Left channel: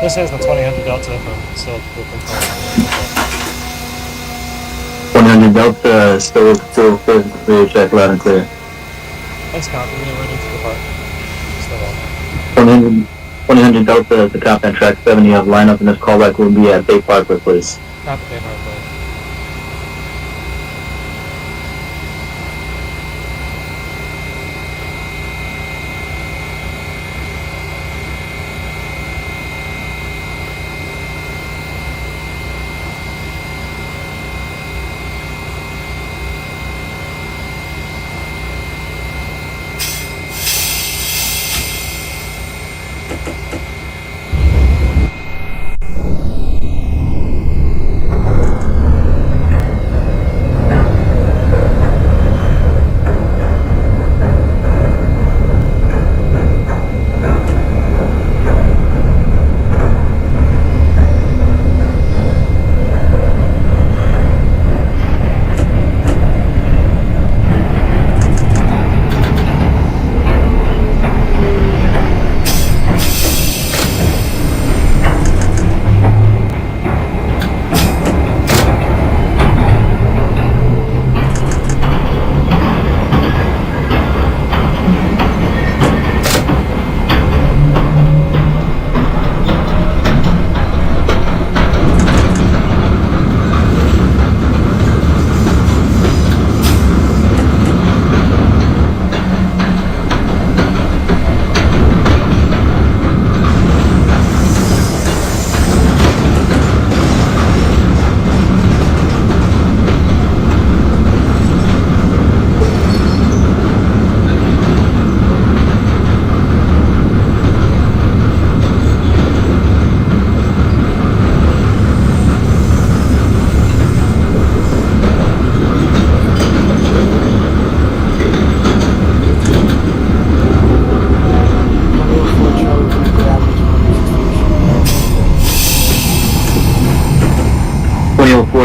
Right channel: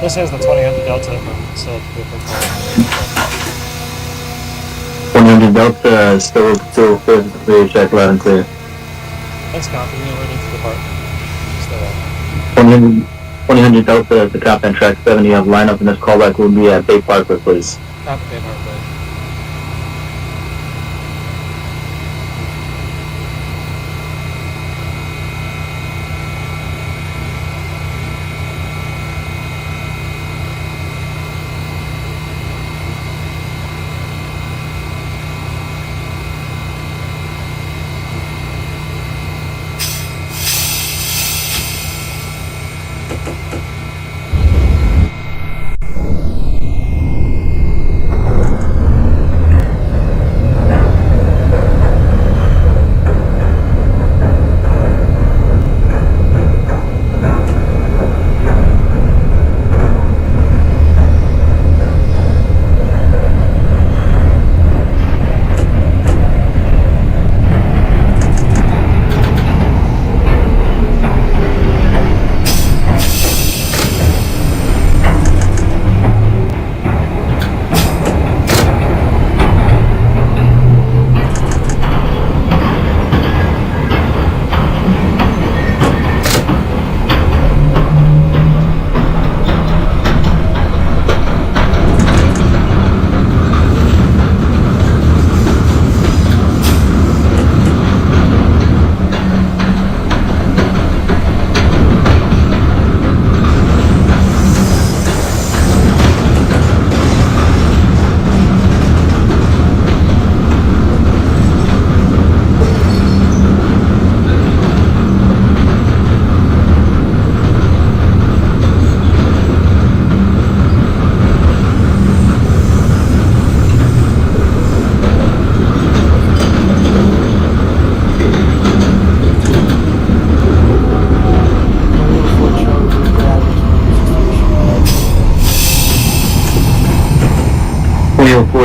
This is the 2000 Delta from still open call. 100 Delta, still clear, check loud and clear. Thanks, copy. We are ready to depart. Still on. 100 Delta, the cop on track 7, you have lineup, and this callback will be at Bay Parkway, please. Copy, Bay Parkway.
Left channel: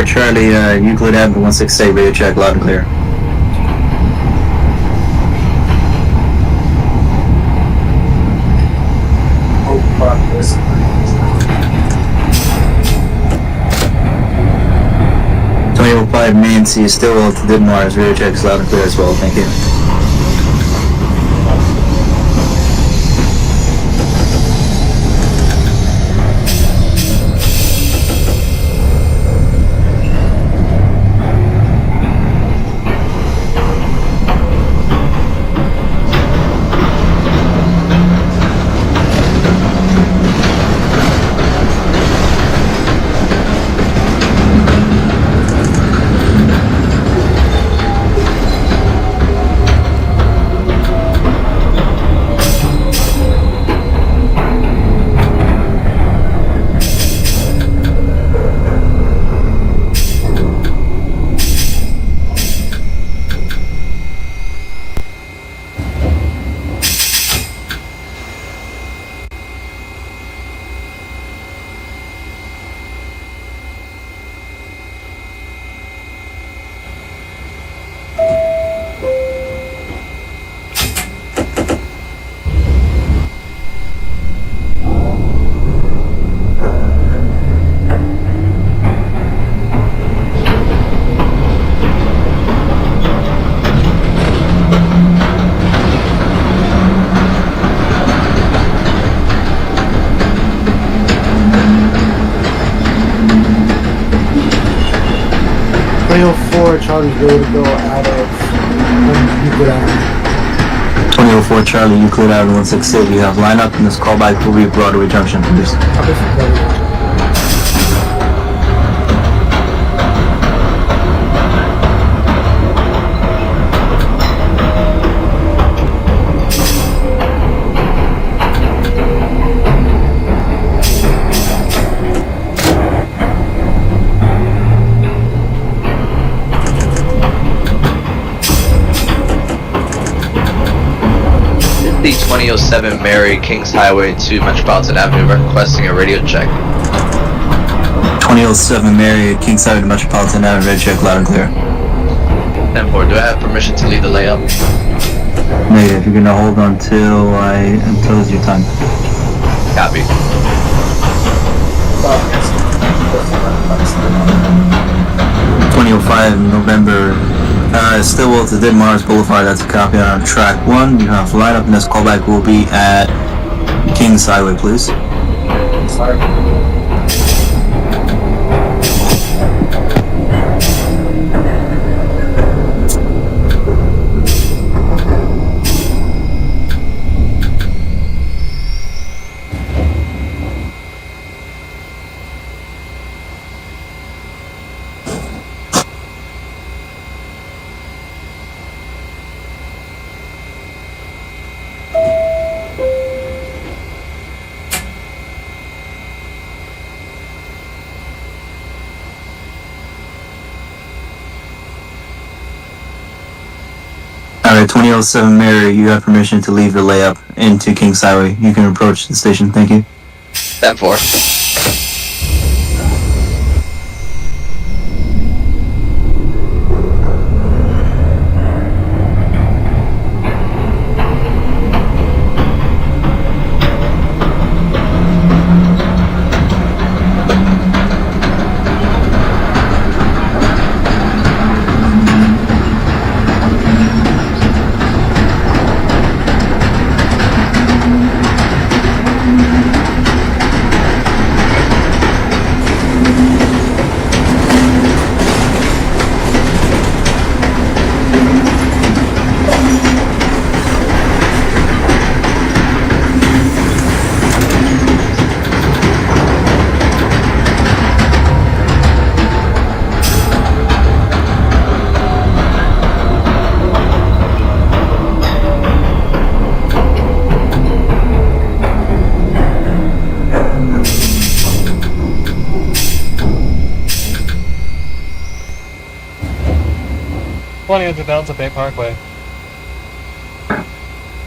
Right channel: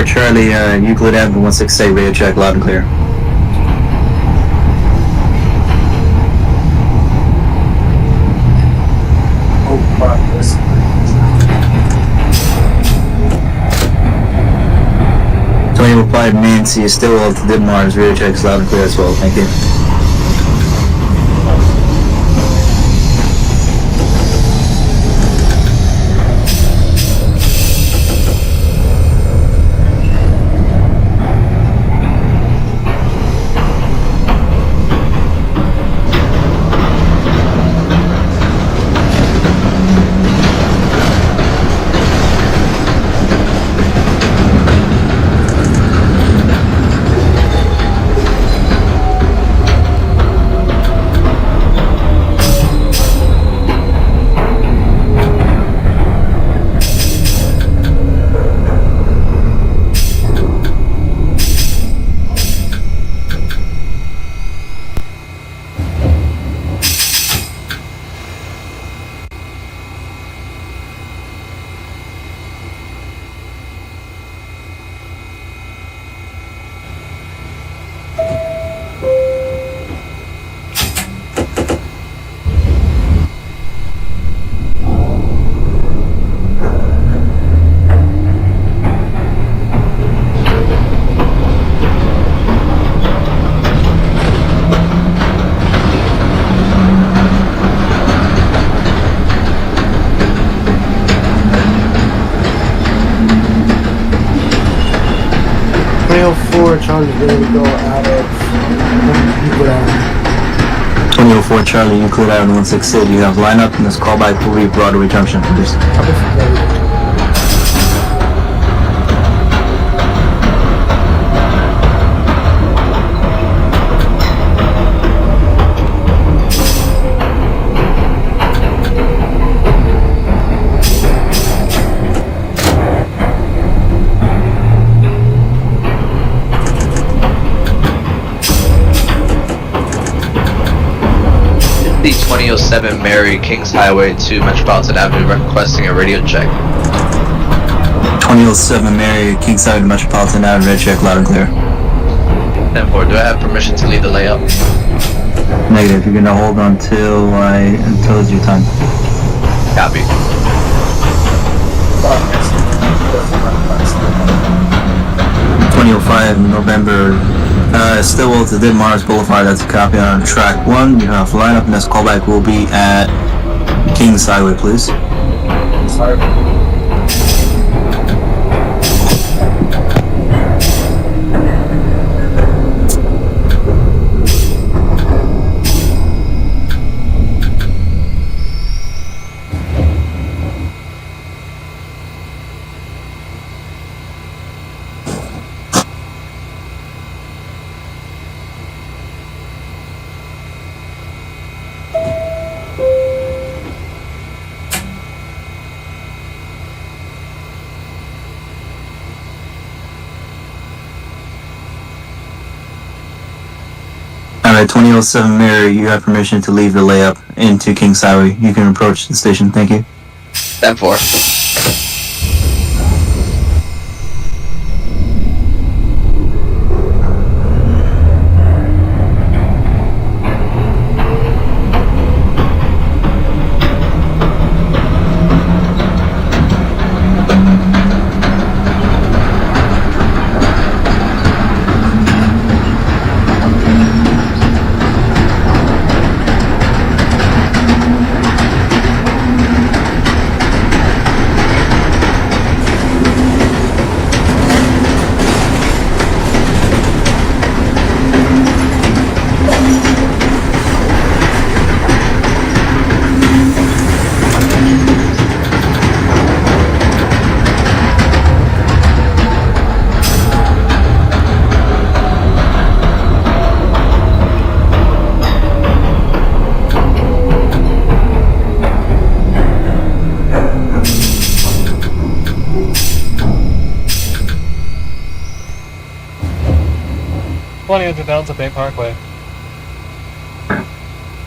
Charlie, Euclid Avenue 168, radio check loud and clear. Oh, fuck this. 2005 Main C, still up to Didmar's radio checks loud and clear as well, thank you. Charlie's ready to go out of Euclid Avenue. 2004 Charlie, Euclid Avenue 168, you have lineup, and this callback will be Broadway Junction, please. The 2007 Mary Kings Highway to Metropolitan Avenue requesting a radio check. 2007 Mary Kings Highway to Metropolitan Avenue, radio check loud and clear. 10-4, do I have permission to lead the layup? Negative, you're gonna hold on until it's your time. Copy. 2005 November. Stillwell to Ditmars Boulevard. That's a copy on track 1. You have lineup, and this callback will be at Kings Highway, please. Sorry. Alright, 2007 Mary, you have permission to leave your layup into Kings Highway. You can approach the station. Thank you. 10-4. Delta Bay Parkway.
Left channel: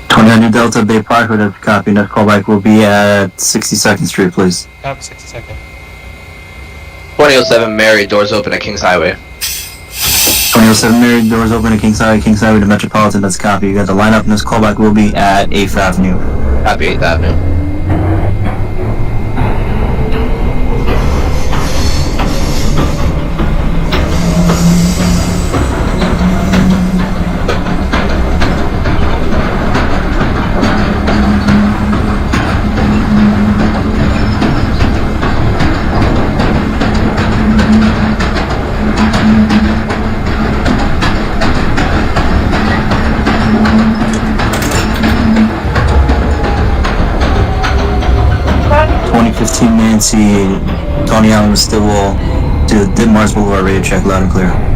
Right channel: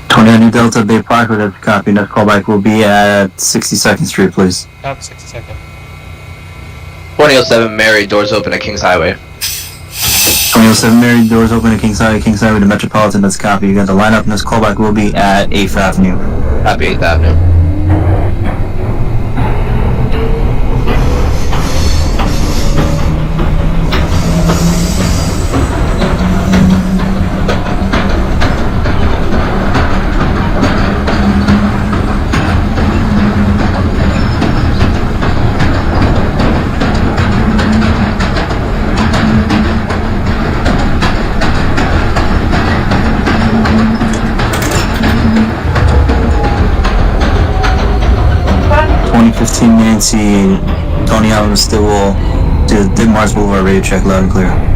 2000 Delta Bay Parkway, that's a copy. Next callback will be at 62nd Street, please. Copy 62nd. 2007 Mary, doors open at Kings Highway. 2007 Mary, doors open at Kings Highway to Metropolitan, that's a copy. You got the lineup, and this callback will be at 8th Avenue. Copy 8th Avenue. Nancy, Tony Allen, Stillwell to Ditmars Boulevard, radio check loud and clear.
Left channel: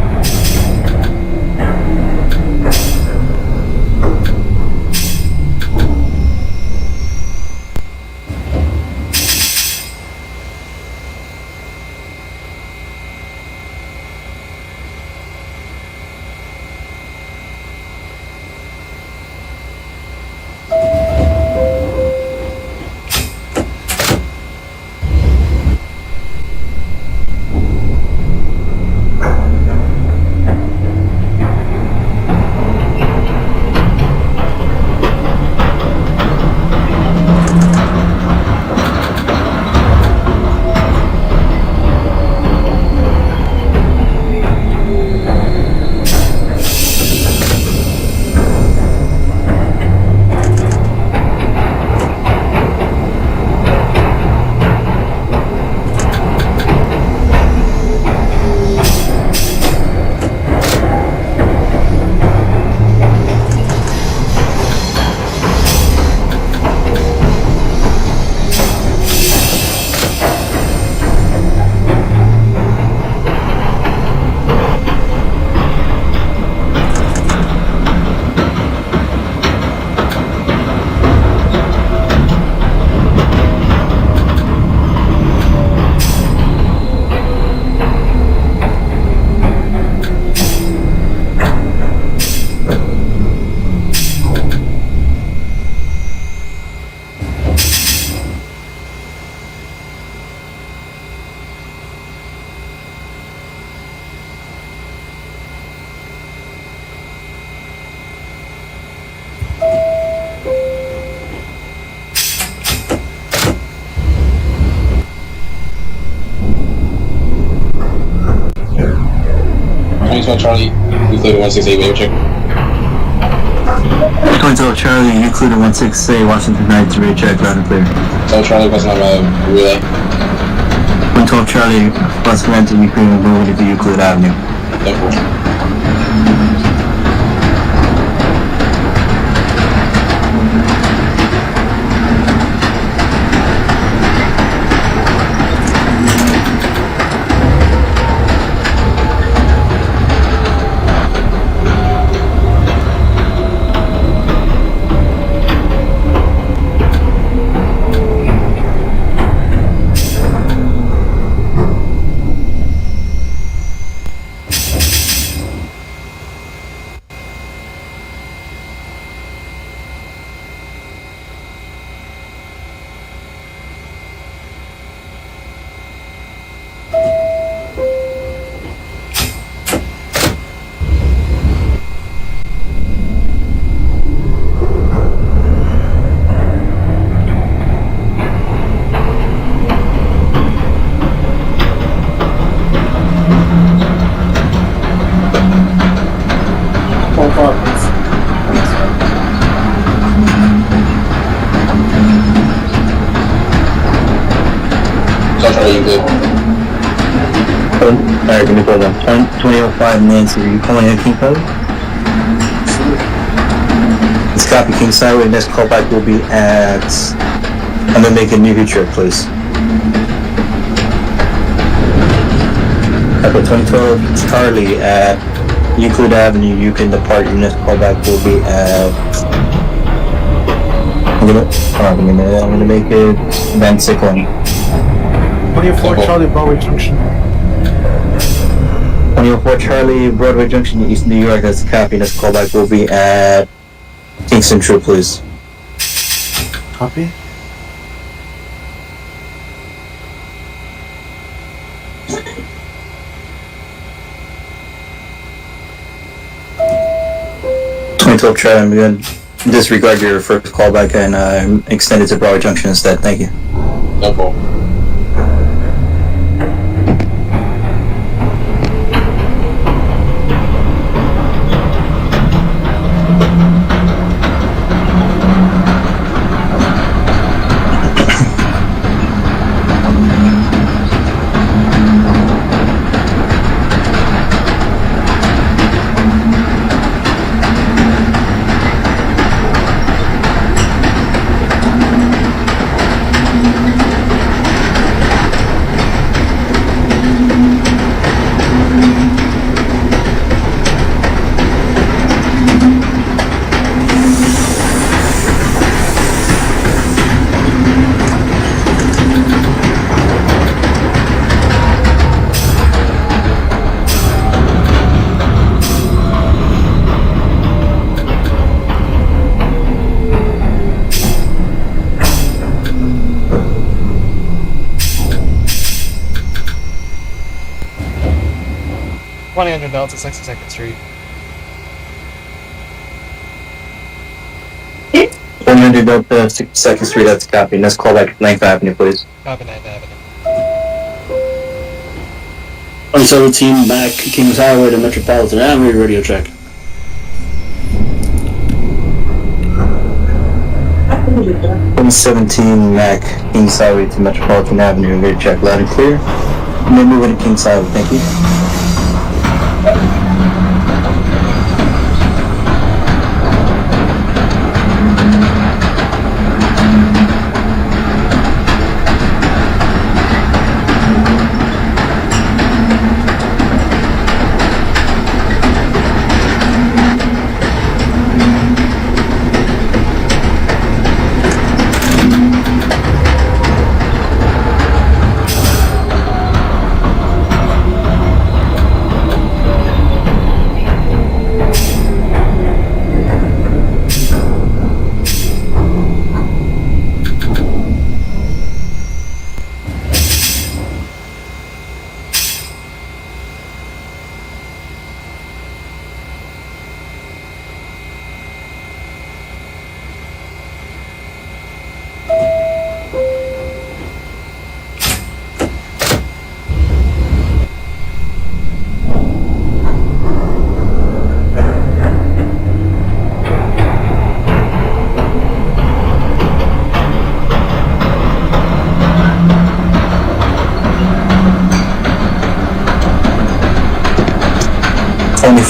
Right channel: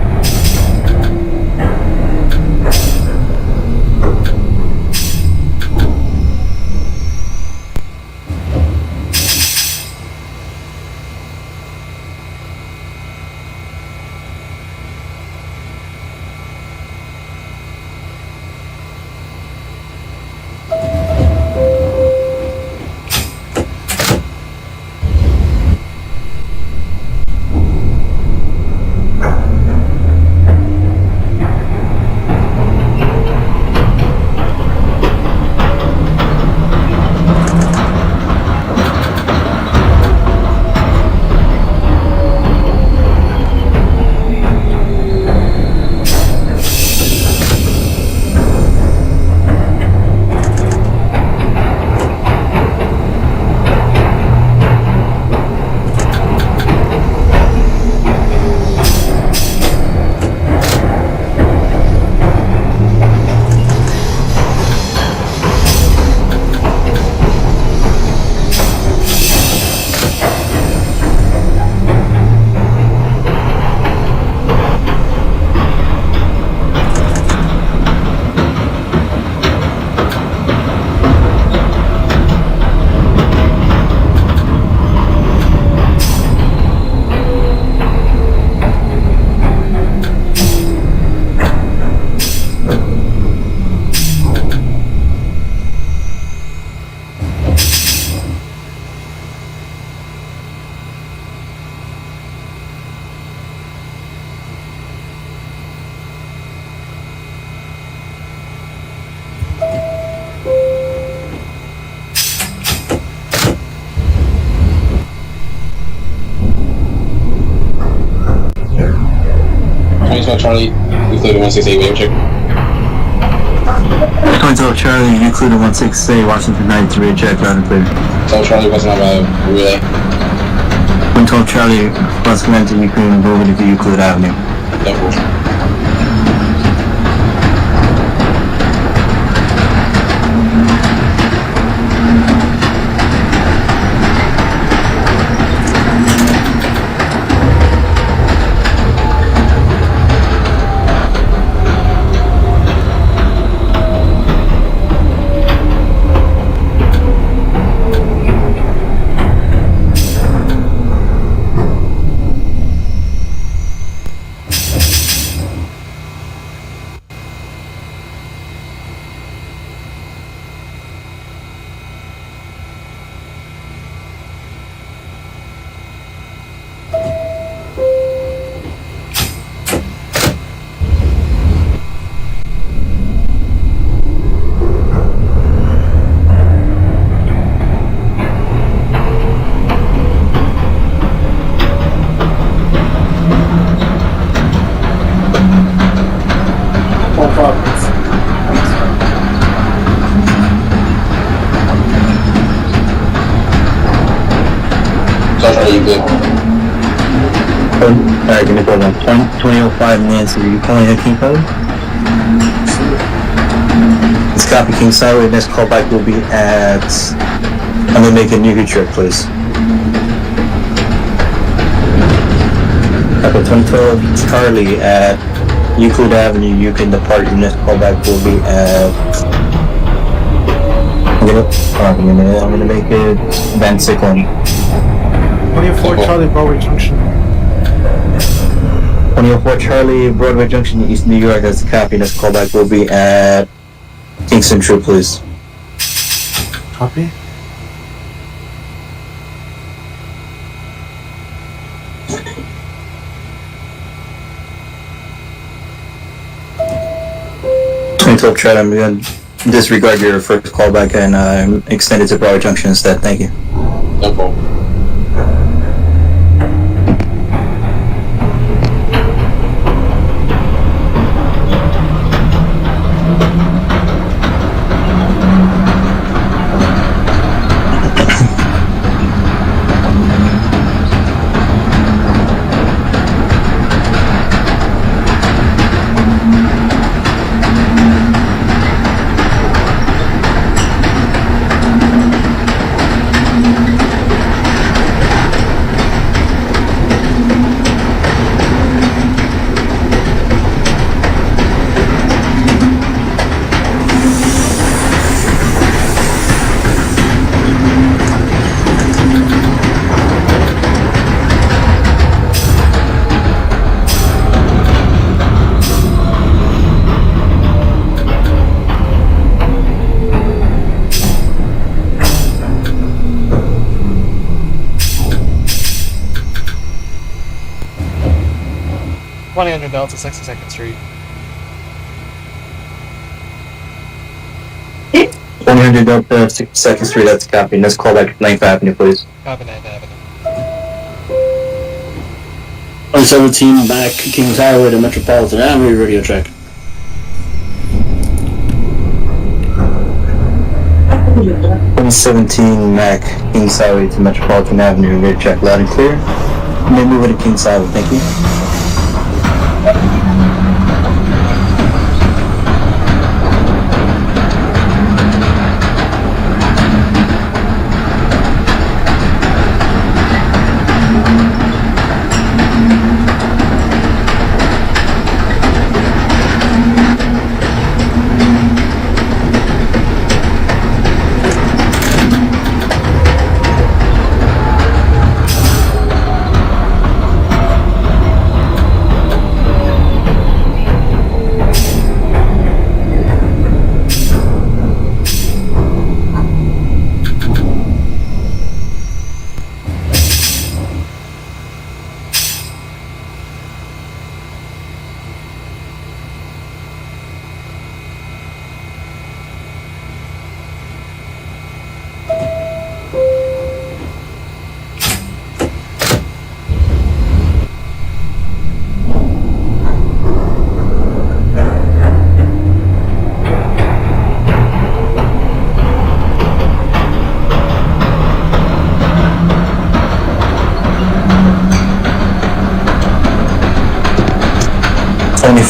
2012 Charlie, Euclid 168, wave check. 2012 Charlie, Euclid 168, Washington 93, check, loud and clear. So Charlie wasn't on my relay. 112 Charlie, bus commencing Euclid, moving to Euclid Avenue. Yeah, cool. Alright, give me call then. 2005 Nancy, are you calling a King Code? Let's copy King's Highway. Next callback will be at... I'm gonna make a new trip, please. Echo 2012 Charlie at Euclid Avenue. You can depart. Your next callback will be at... give me a minute. I'm gonna make it Van Sicklen. 24 Charlie, Broadway Junction. 2004 Charlie, Broadway Junction, East New York. That's the copy. Next callback will be at Kingston True, please. Copy. Charlie, I'm going to disregard your first callback and extend it to Broadway Junction instead. Thank you. No problem. Delta 62nd Street. 100 Delta 62nd Street, that's a copy. Next callback, 9th Avenue, please. Copy 9th Avenue. 2017 back Kings Highway to Metropolitan Avenue, radio check. .17 Mac Kings Highway to Metropolitan Avenue, radio check, loud and clear. And then move it to Kings Highway, thank you.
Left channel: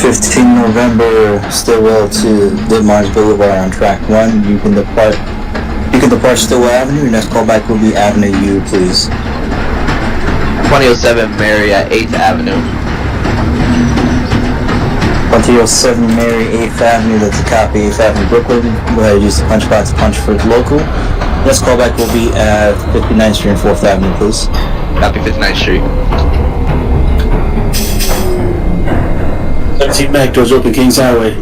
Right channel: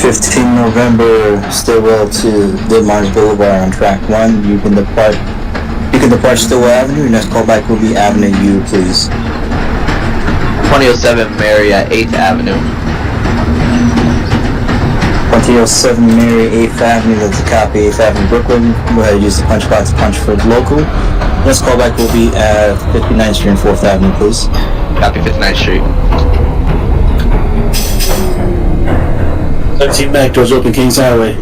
15 November, Stillwell to Ditmars Boulevard on track 1. You can depart Stillwell Avenue. Your next callback will be Avenue U, please. 2007 Mary at 8th Avenue. 2007 Mary, 8th Avenue, that's a copy, 8th Avenue, Brooklyn. Go ahead and use the punch box punch for the local. Next callback will be at 59th Street and 4th Avenue, please. Copy 59th Street. 17 Mac, doors open, Kings Highway.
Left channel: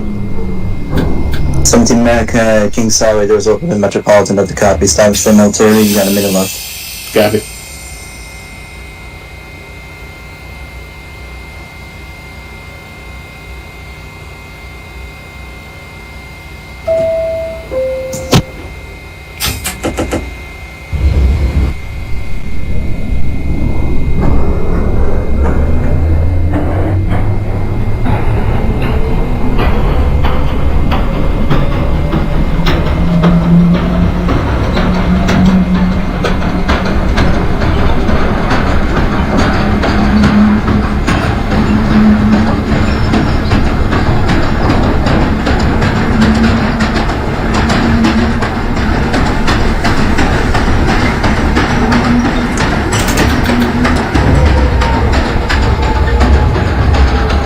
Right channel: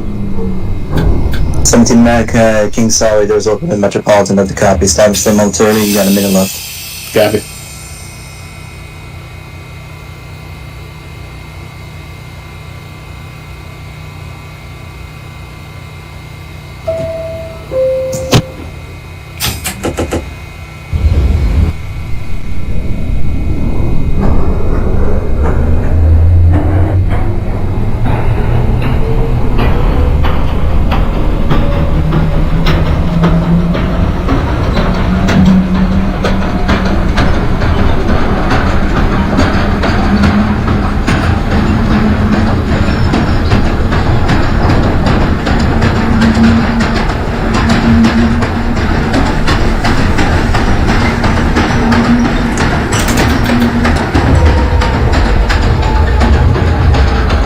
17 Mac, Kings Highway, doors open in Metropolitan, that's a copy. Establish the motility, you got a minute left. Copy.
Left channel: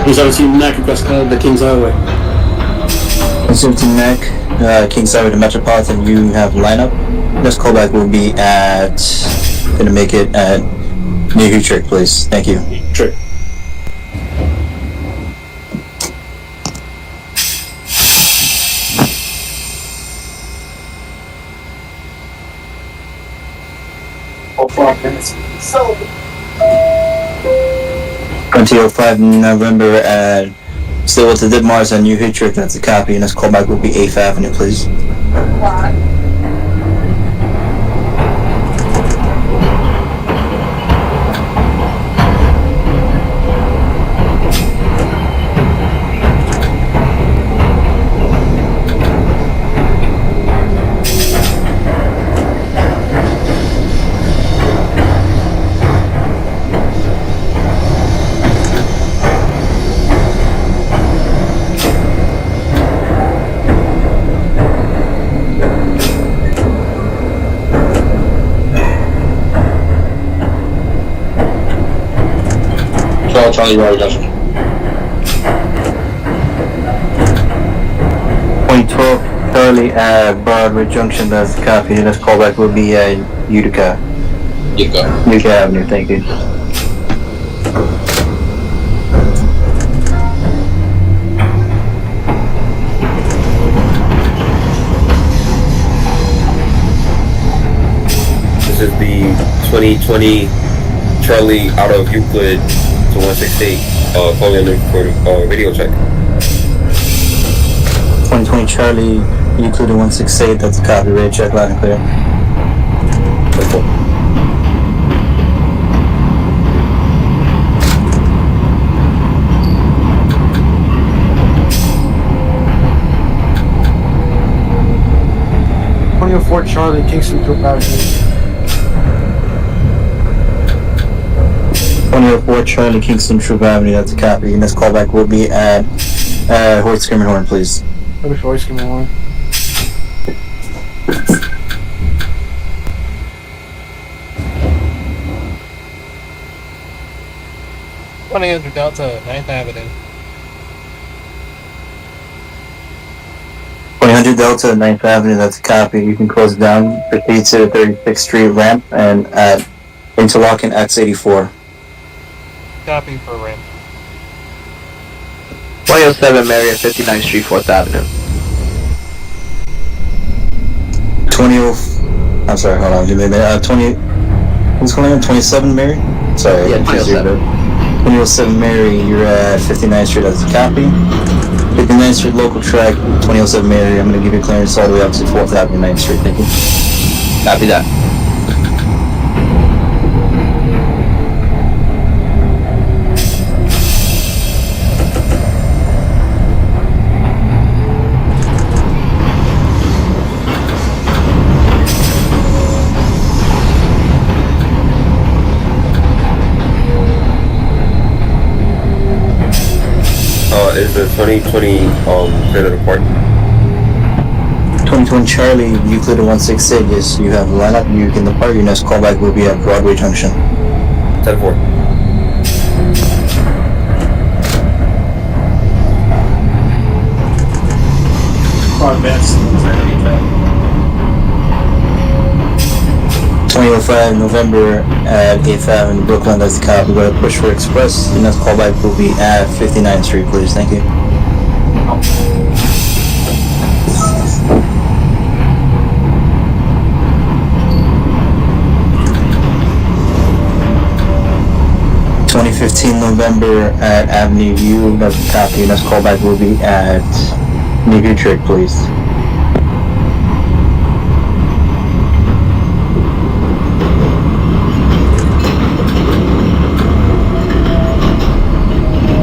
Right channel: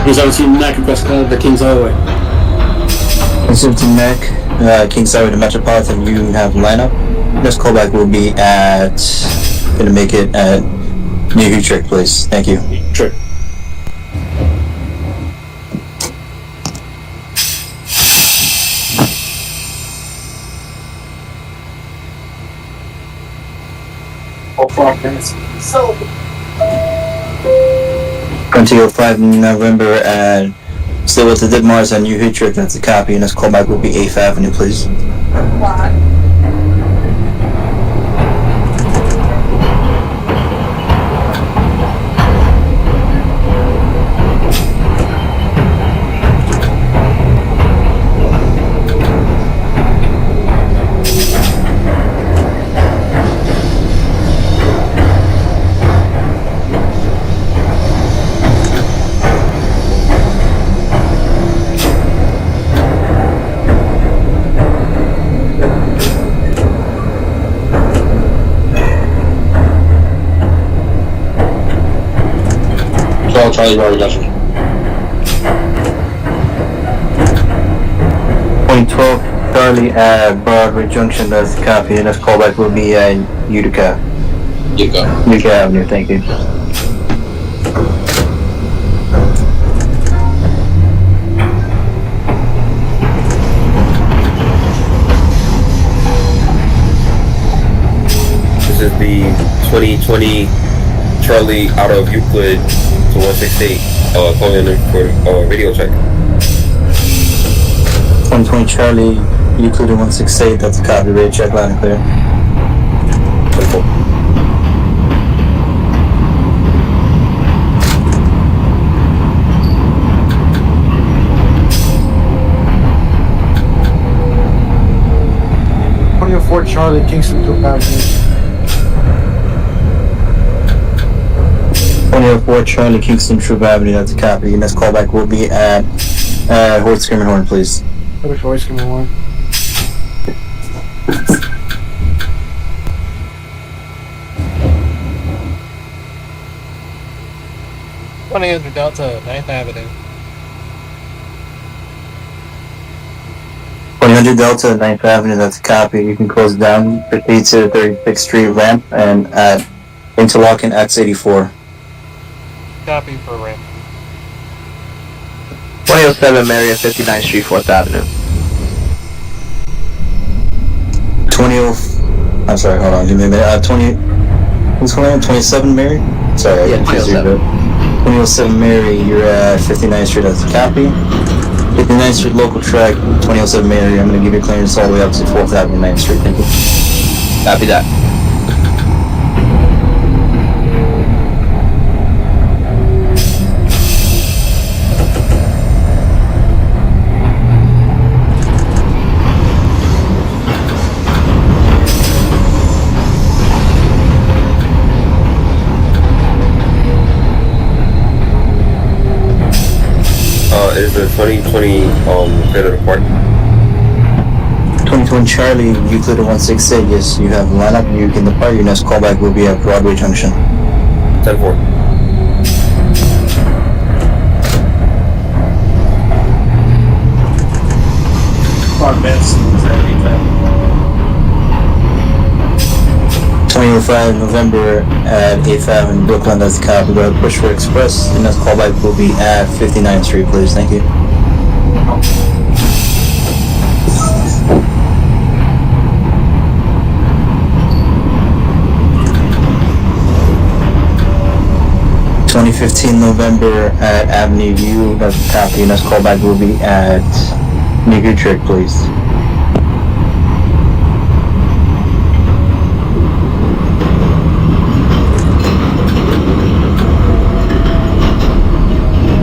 Kings 17 Mac, request call to Kings Highway. 17 Mac, Kings Highway to Metropolitan, you have lineup. Next callback will be at, gonna make it at New Utrecht, please. Thank you. Sure. All 12 minutes. 2005 November at Stillwell to Ditmars on New Utrecht, that's a copy. Next callback will be 8th Avenue, please. Charlie Bravo Junction. 2012 Charlie at Broadway Junction, that's a copy. Next callback will be at Utica. Utica. Utica Avenue, thank you. This is the 2020 Charlie out of Euclid to 168, calling in for radio check. 2020 Charlie, Euclid 168, that's a copy. Radio check, loud and clear. Wonderful. Fort Charlie, Kingston to Avenue. 2004 Charlie, Kingston Troop Avenue, that's a copy. Next callback will be at Hoyt Skirminghorn, please. Public voice, come on. Delta, 9th Avenue. 100 Delta, 9th Avenue, that's a copy. You can close down, proceed to 36th Street ramp and at Interlochen X84. Copy for ramp. 2007 Mary at 59th Street, 4th Avenue. I'm sorry, hold on, give me a minute. 27 Mary? Sorry, Yeah, 2007. 2007 Mary, you're at 59th Street, that's a copy. 59th Street local track, 2007 Mary, I'm going to give you clearance all the way up to 4th Avenue, 9th Street, thank you. Copy that. Is the clear the report. 2020 Charlie, Euclid 168. Yes, you have lineup. You can depart. Your next callback will be at Broadway Junction. 10-4. Five minutes. 2005 November at 8th Avenue, Brooklyn. That's the cop. We're going to push for Express. Your next callback will be at 59th Street, please. Thank you. (2015) November at Avenue U. That's the copy. Your next callback will be at New Utrecht, please.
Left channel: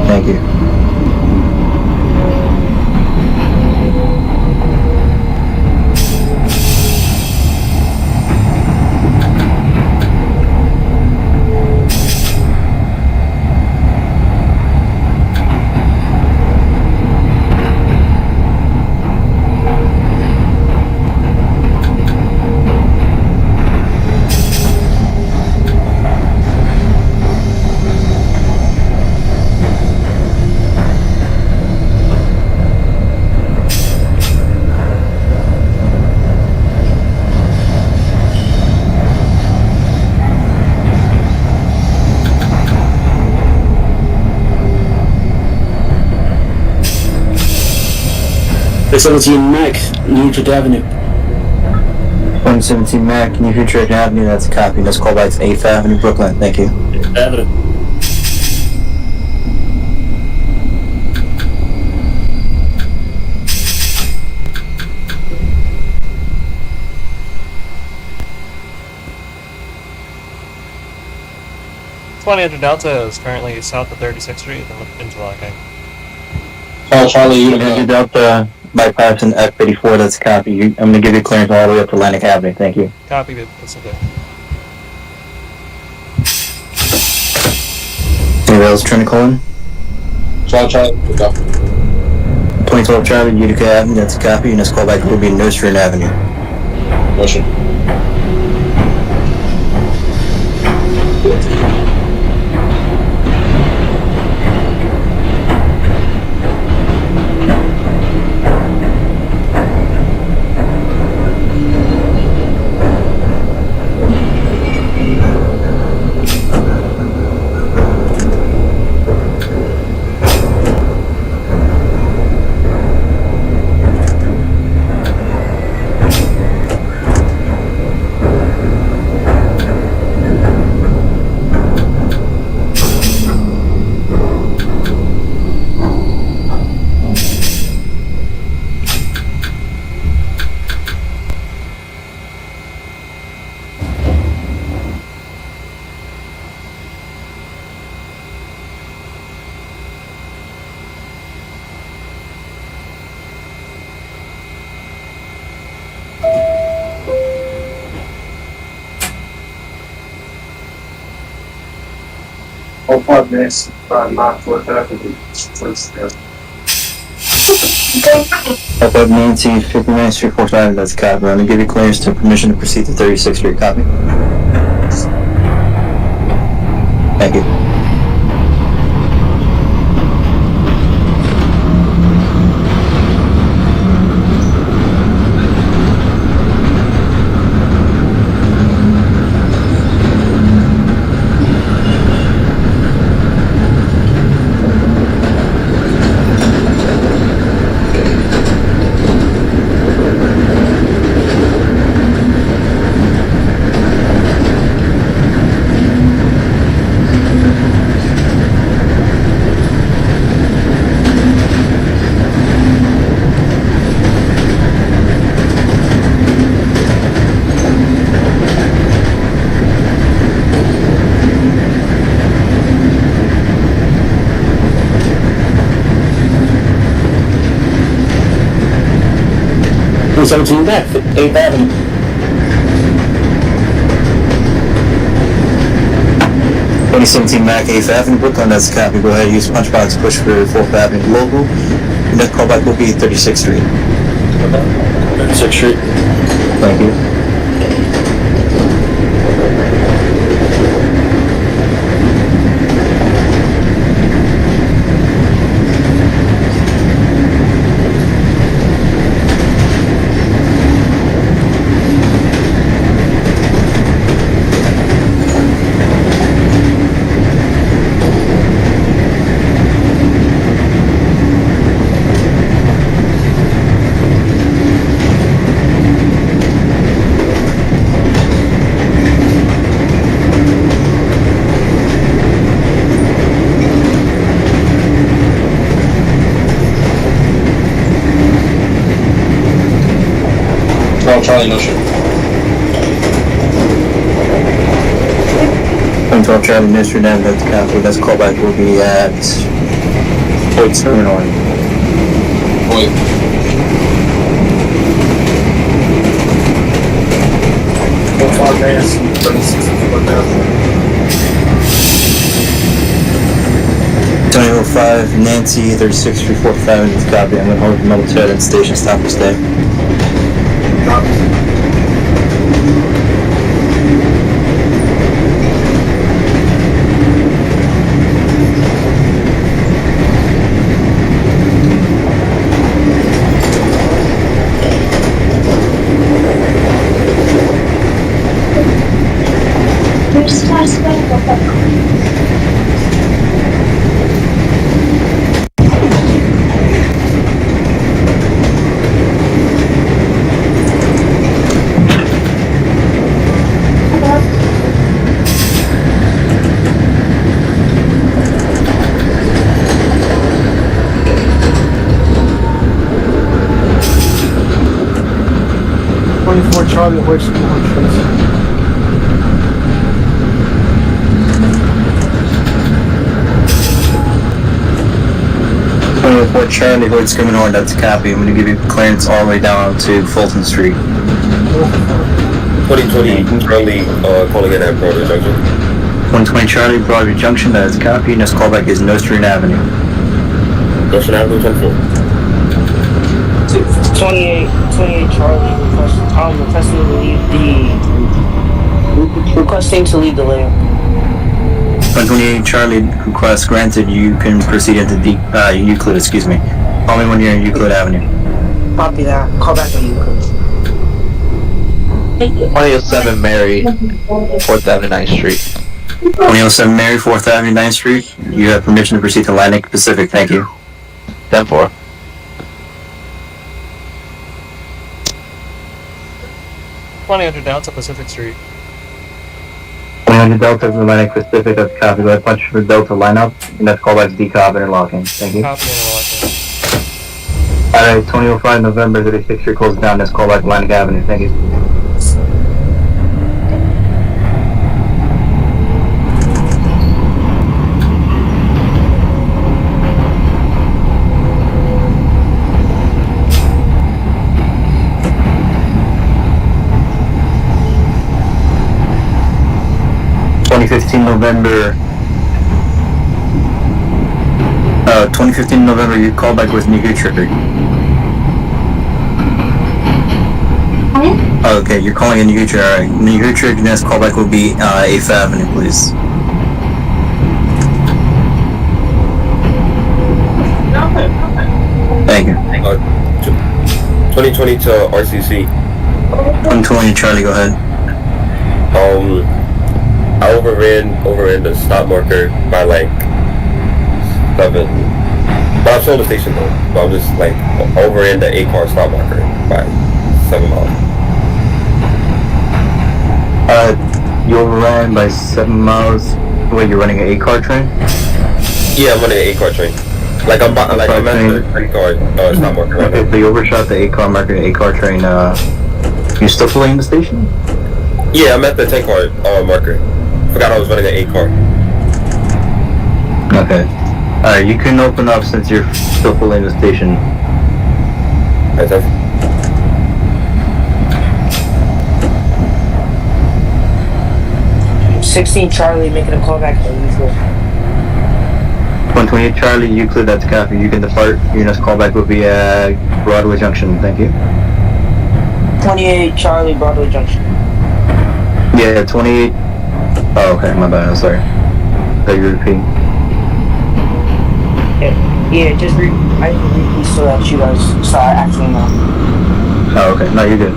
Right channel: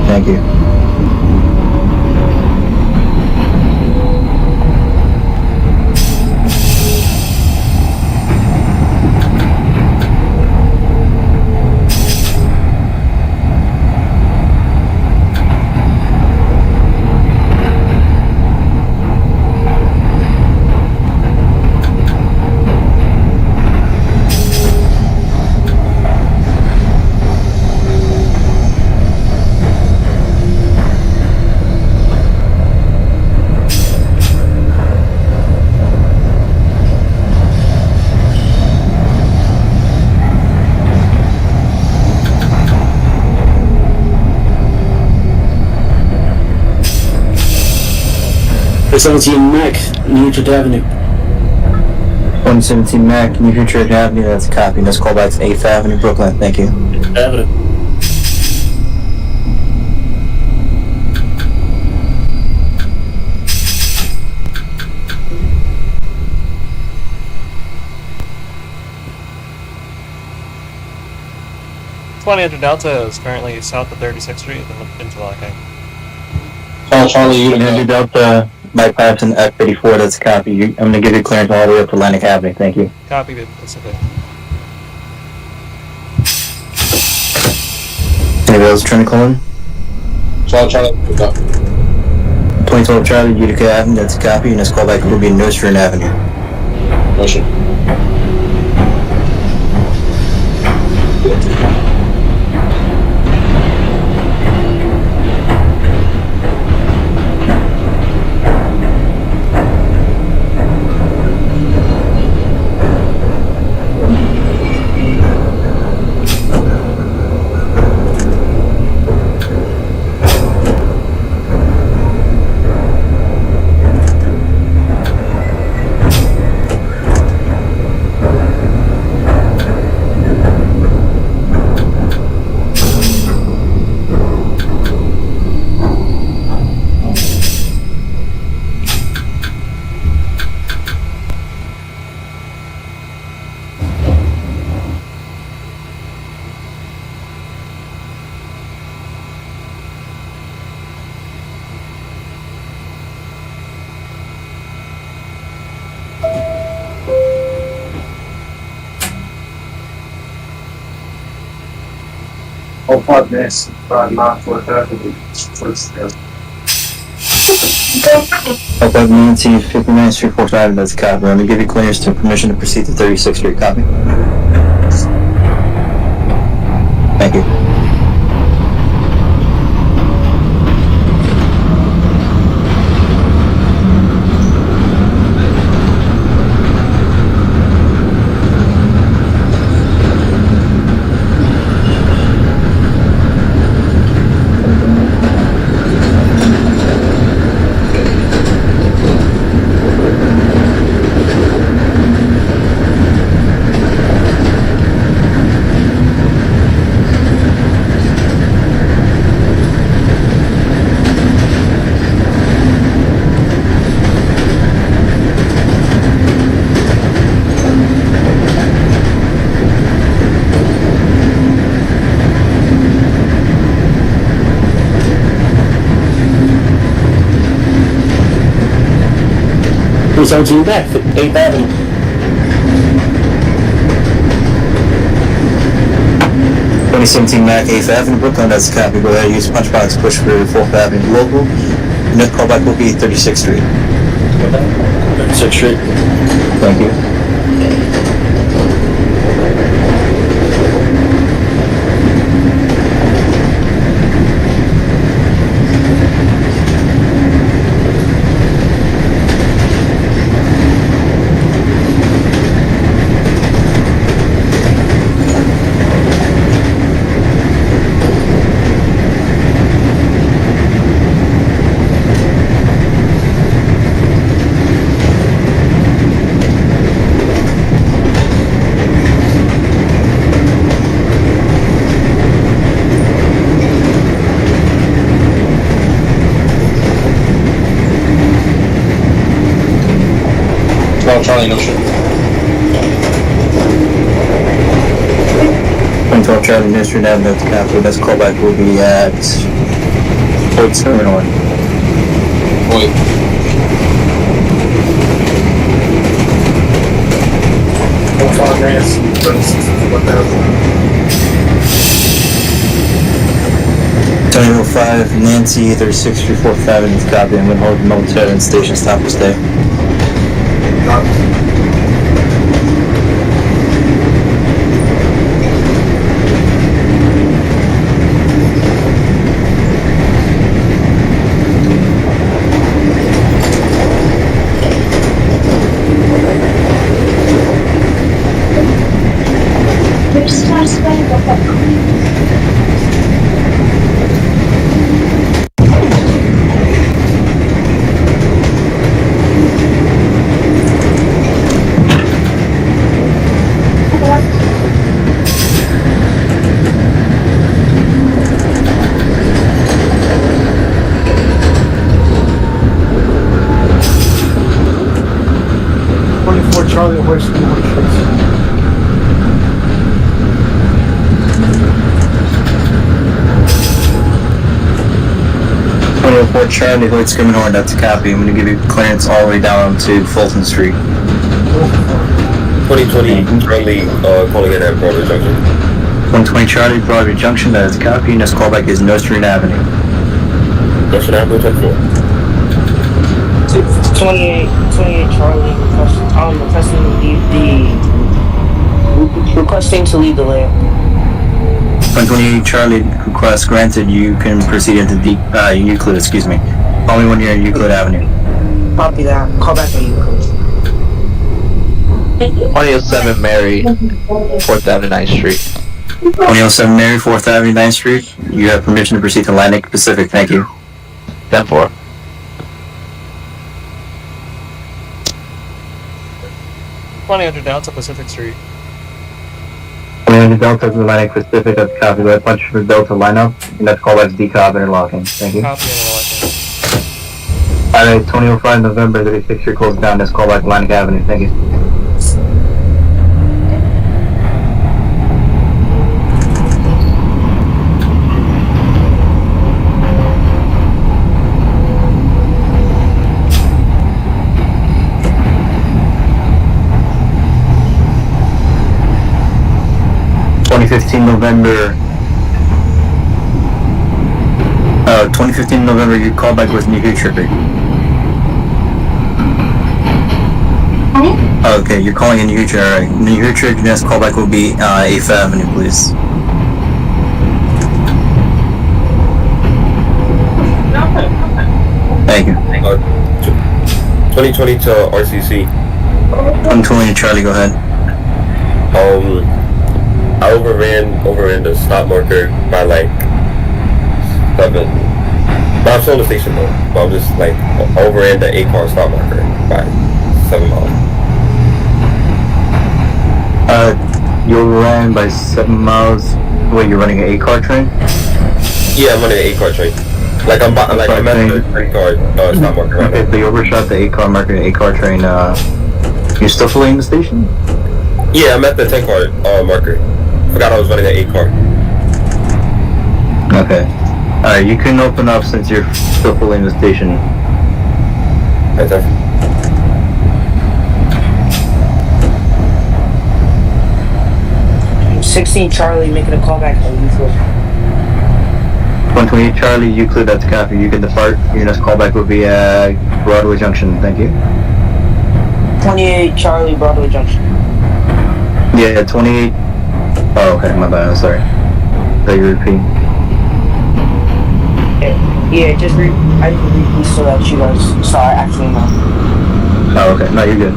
Thank you. .17 Mac, New Utrecht Avenue. 117 Mac, New Utrecht Avenue. That's a copy. Next callback's 8th Avenue, Brooklyn. Thank you. Avenue. Delta is currently south of 36th Street and interlocking. Charlie, Andrew Utica. Delta, bypassing F-34. That's a copy. I'm going to give you clearance all the way up to Atlantic Avenue. Thank you. Copy the Pacific. Anybody else trying to call in? Charlie, Utica. 2012 Charlie, Utica Avenue. That's a copy. And this callback will be Nursery Avenue. Motion. All 5 minutes. Not 4:30. Up at Nancy, 59th Street, 4th Avenue. That's a copy. I'm going to give you clearance to permission to proceed to 36th Street. Copy. Thank you. .17 back, 8th Avenue. .17 Mac, 8th Avenue, Brooklyn. That's a copy. Go ahead and use punch box push for 4th Avenue local. Next callback will be 36th Street. 36th Street. Thank you. Charlie, no shit. 112 Charlie, Ministry Avenue at the Capitol. Next callback will be at Fort Terminal. Wait. Five minutes. 2005 Nancy, 36th Street, 4th Avenue at the Capitol. I'm going to hold the military and station stop for stay. Charlie Horse Street. 2004 Charlie, Hoyt Scrimmage, that's a copy. I'm going to give you clearance all the way down to Fulton Street. 2020 Charlie, calling in at Broadway Junction. 120 Charlie, Broadway Junction, that is a copy. Next callback is Nostrand Avenue. Nostrand Avenue, 10-4. 28 Charlie, requesting to leave the lane. 128 Charlie, request granted. You can proceed into Euclid, excuse me. Call me when you're in Euclid Avenue. Copy that. Call back on Euclid. 2007 Mary, 4th Avenue, 9th Street. 2007 Mary, 4th Avenue, 9th Street. You have permission to proceed to Atlantic Pacific. Thank you. 10-4. $20 Delta Pacific Street. 2000 Delta Atlantic Pacific, that's copy. Let's punch for Delta lineup. And that's callback decop interlocking. Thank you. Copy and interlocking. Alright, 2005 November 36th Street closed down. That's callback Atlantic Avenue. Thank you. November 2015 November, your callback was New Hampshire. Okay, you're calling in New Hampshire, alright. New Hampshire, your next callback will be 8th Avenue, please. Thank you. 2020 to RCC. 120 Charlie, go ahead. I overran the stop marker by like 7. But I'm still in the station though. But I'm just like overran the 8-car stop marker by 7 miles. You overran by 7 miles. Wait, you're running an 8-car train? Yeah, I'm running an 8-car train. I'm at the 10-car stop marker right Okay, now. so you overshot the 8-car marker, 8-car train. You still fleeing the station? Yeah, I'm at the 10-car marker. Forgot I was running an 8-car. Okay. Alright, you can open up since you're still fully in the station. Right there. $16 Charlie making a callback on Euclid. 128 Charlie, you clear that to copy. You can depart. Your next callback will be at Broadway Junction. Thank you. 28 Charlie, Broadway Junction. Yeah, 28. Oh, okay, my bad. I'm sorry. So you're repeating. Yeah, just I repeat so that you guys saw it actually know. Oh, okay. No, you're good.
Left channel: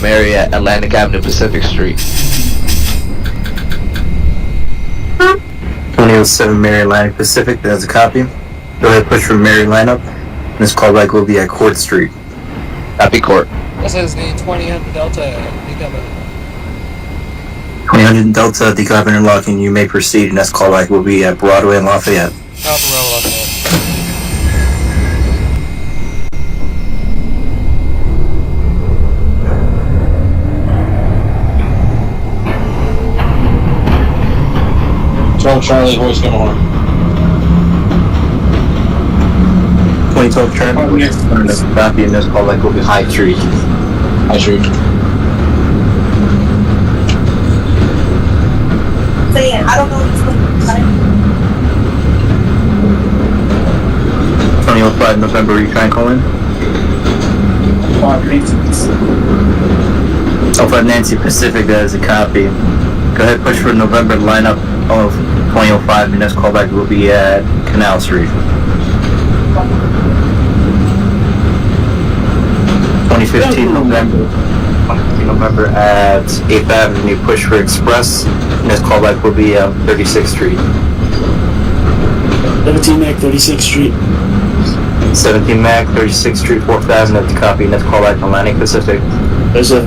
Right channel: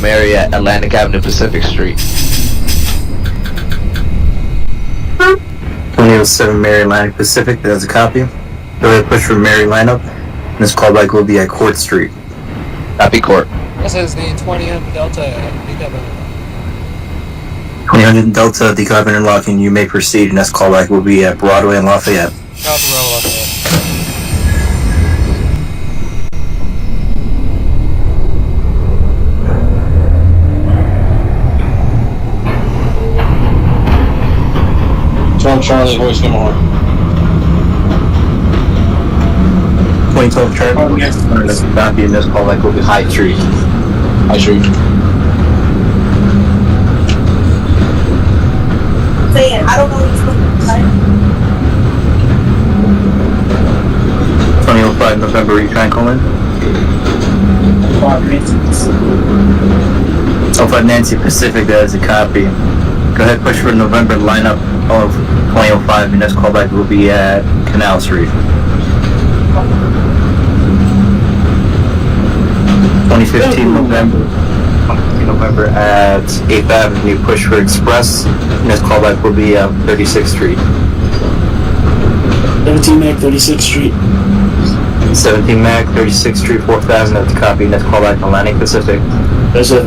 Mary at Atlantic Avenue, Pacific Street. 2007 Mary Atlantic Pacific, that's a copy. Go ahead, push for Mary lineup. This callback will be at Court Street. Copy Court. This is the 2000 Delta decoming. 2000 Delta, decop interlocking, you may proceed. Next callback will be at Broadway and Lafayette. Copy, roll Lafayette. Charlie, voice number horn. 2012 Charlie, that's a copy, and this callback will be High Street. High Street. Saying, I don't know what he's looking like. 2005 November, you try and call in? 05 Nancy Pacific, that is a copy. Go ahead, push for November lineup of 2005. Your next callback will be at Canal Street. 2015 November at 8th Avenue. Push for Express. Your next callback will be at 36th Street. 17 Mac, 36th Street. 17 Mac, 36th Street, 4th Avenue. That's a copy. Next callback Atlantic Pacific. There's a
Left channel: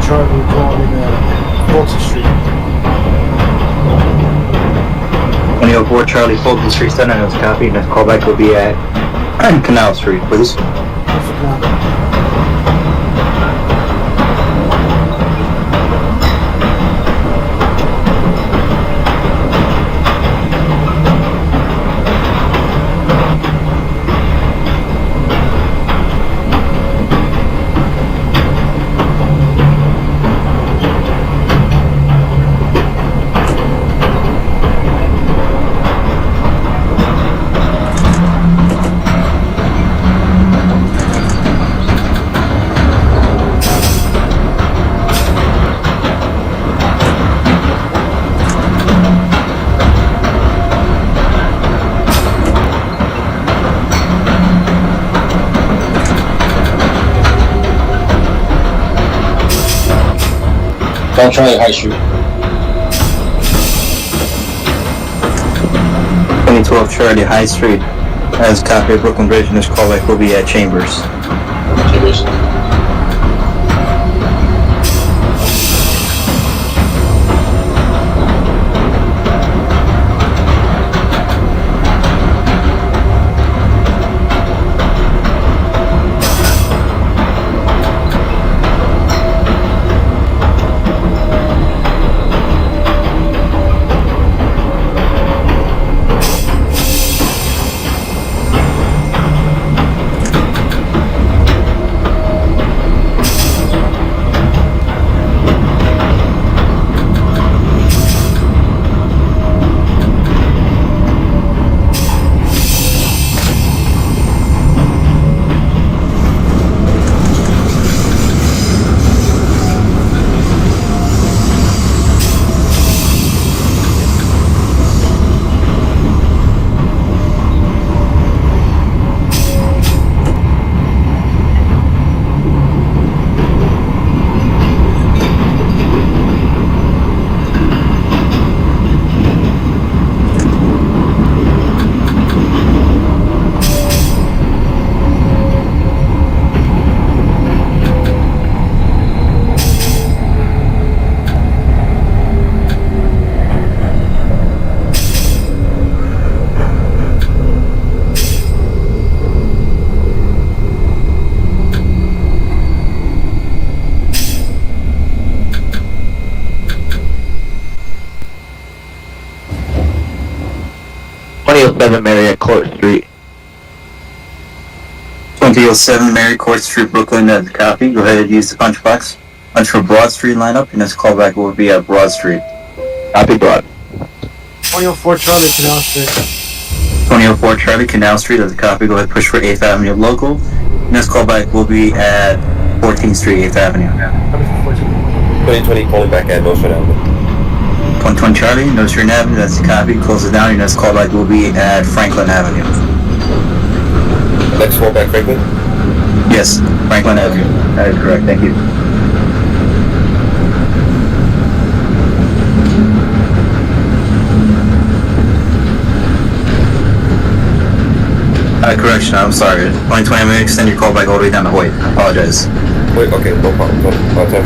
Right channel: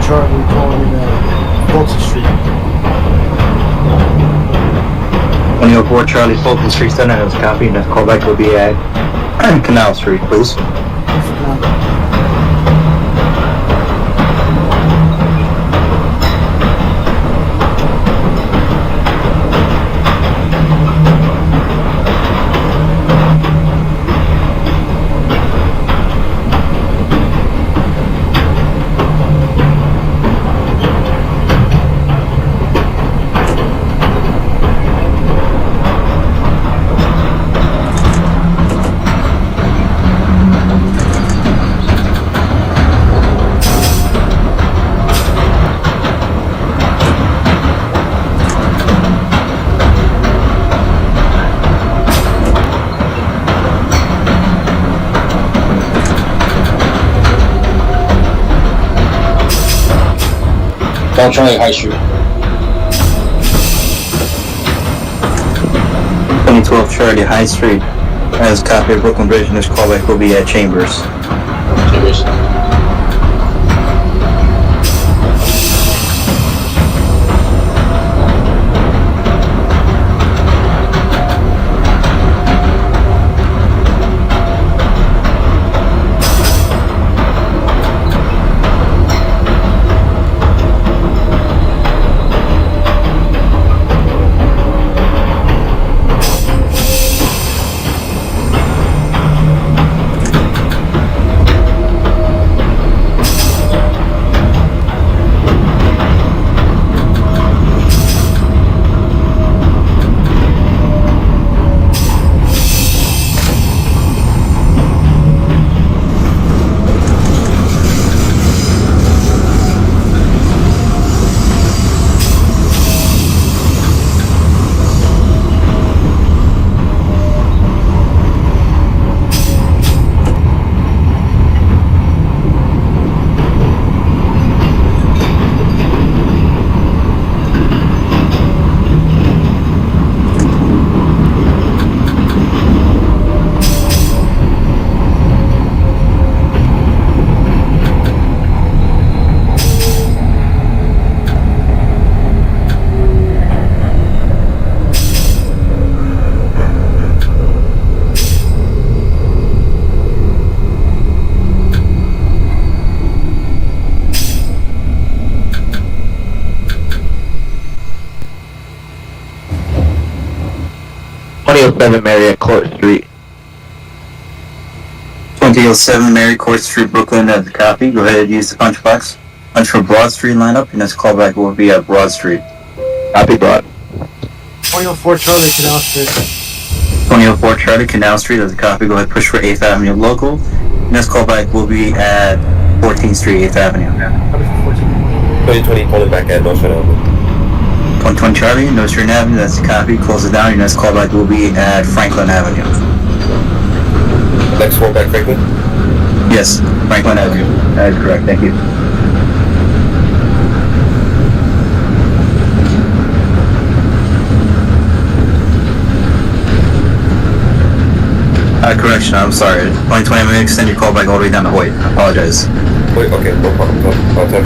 Charlie calling Fulton Street. 2004 Charlie, Fulton Street Center, that's a copy. Next callback will be at Canal Street, please. 12 Charlie, High Street. 2012 Charlie High Street. As copy of Brooklyn Bridge, and this callback will be at Chambers. Chambers. Seven Mary at Court Street. 2007 Mary Court Street, Brooklyn, as a copy. Go ahead and use the punch box. Punch for Broad Street lineup, and this callback will be at Broad Street. Copy, Broad. 2004 Charlie, Canal Street. 2004 Charlie, Canal Street, as a copy. Go ahead and push for 8th Avenue local. And this callback will be at 14th Street, 8th Avenue. Copy for 14. 2020 calling back at North Avenue. 120 Charlie, North Street Avenue, that's the copy. Close it down. Your next callback will be at Franklin Avenue. Next one back, Franklin. Yes, Franklin Avenue. That is correct. Thank you. Correction, I'm sorry. 2020, I'm going to extend your callback all the way down to Hoyt. I apologize. Wait, okay, no problem. No problem.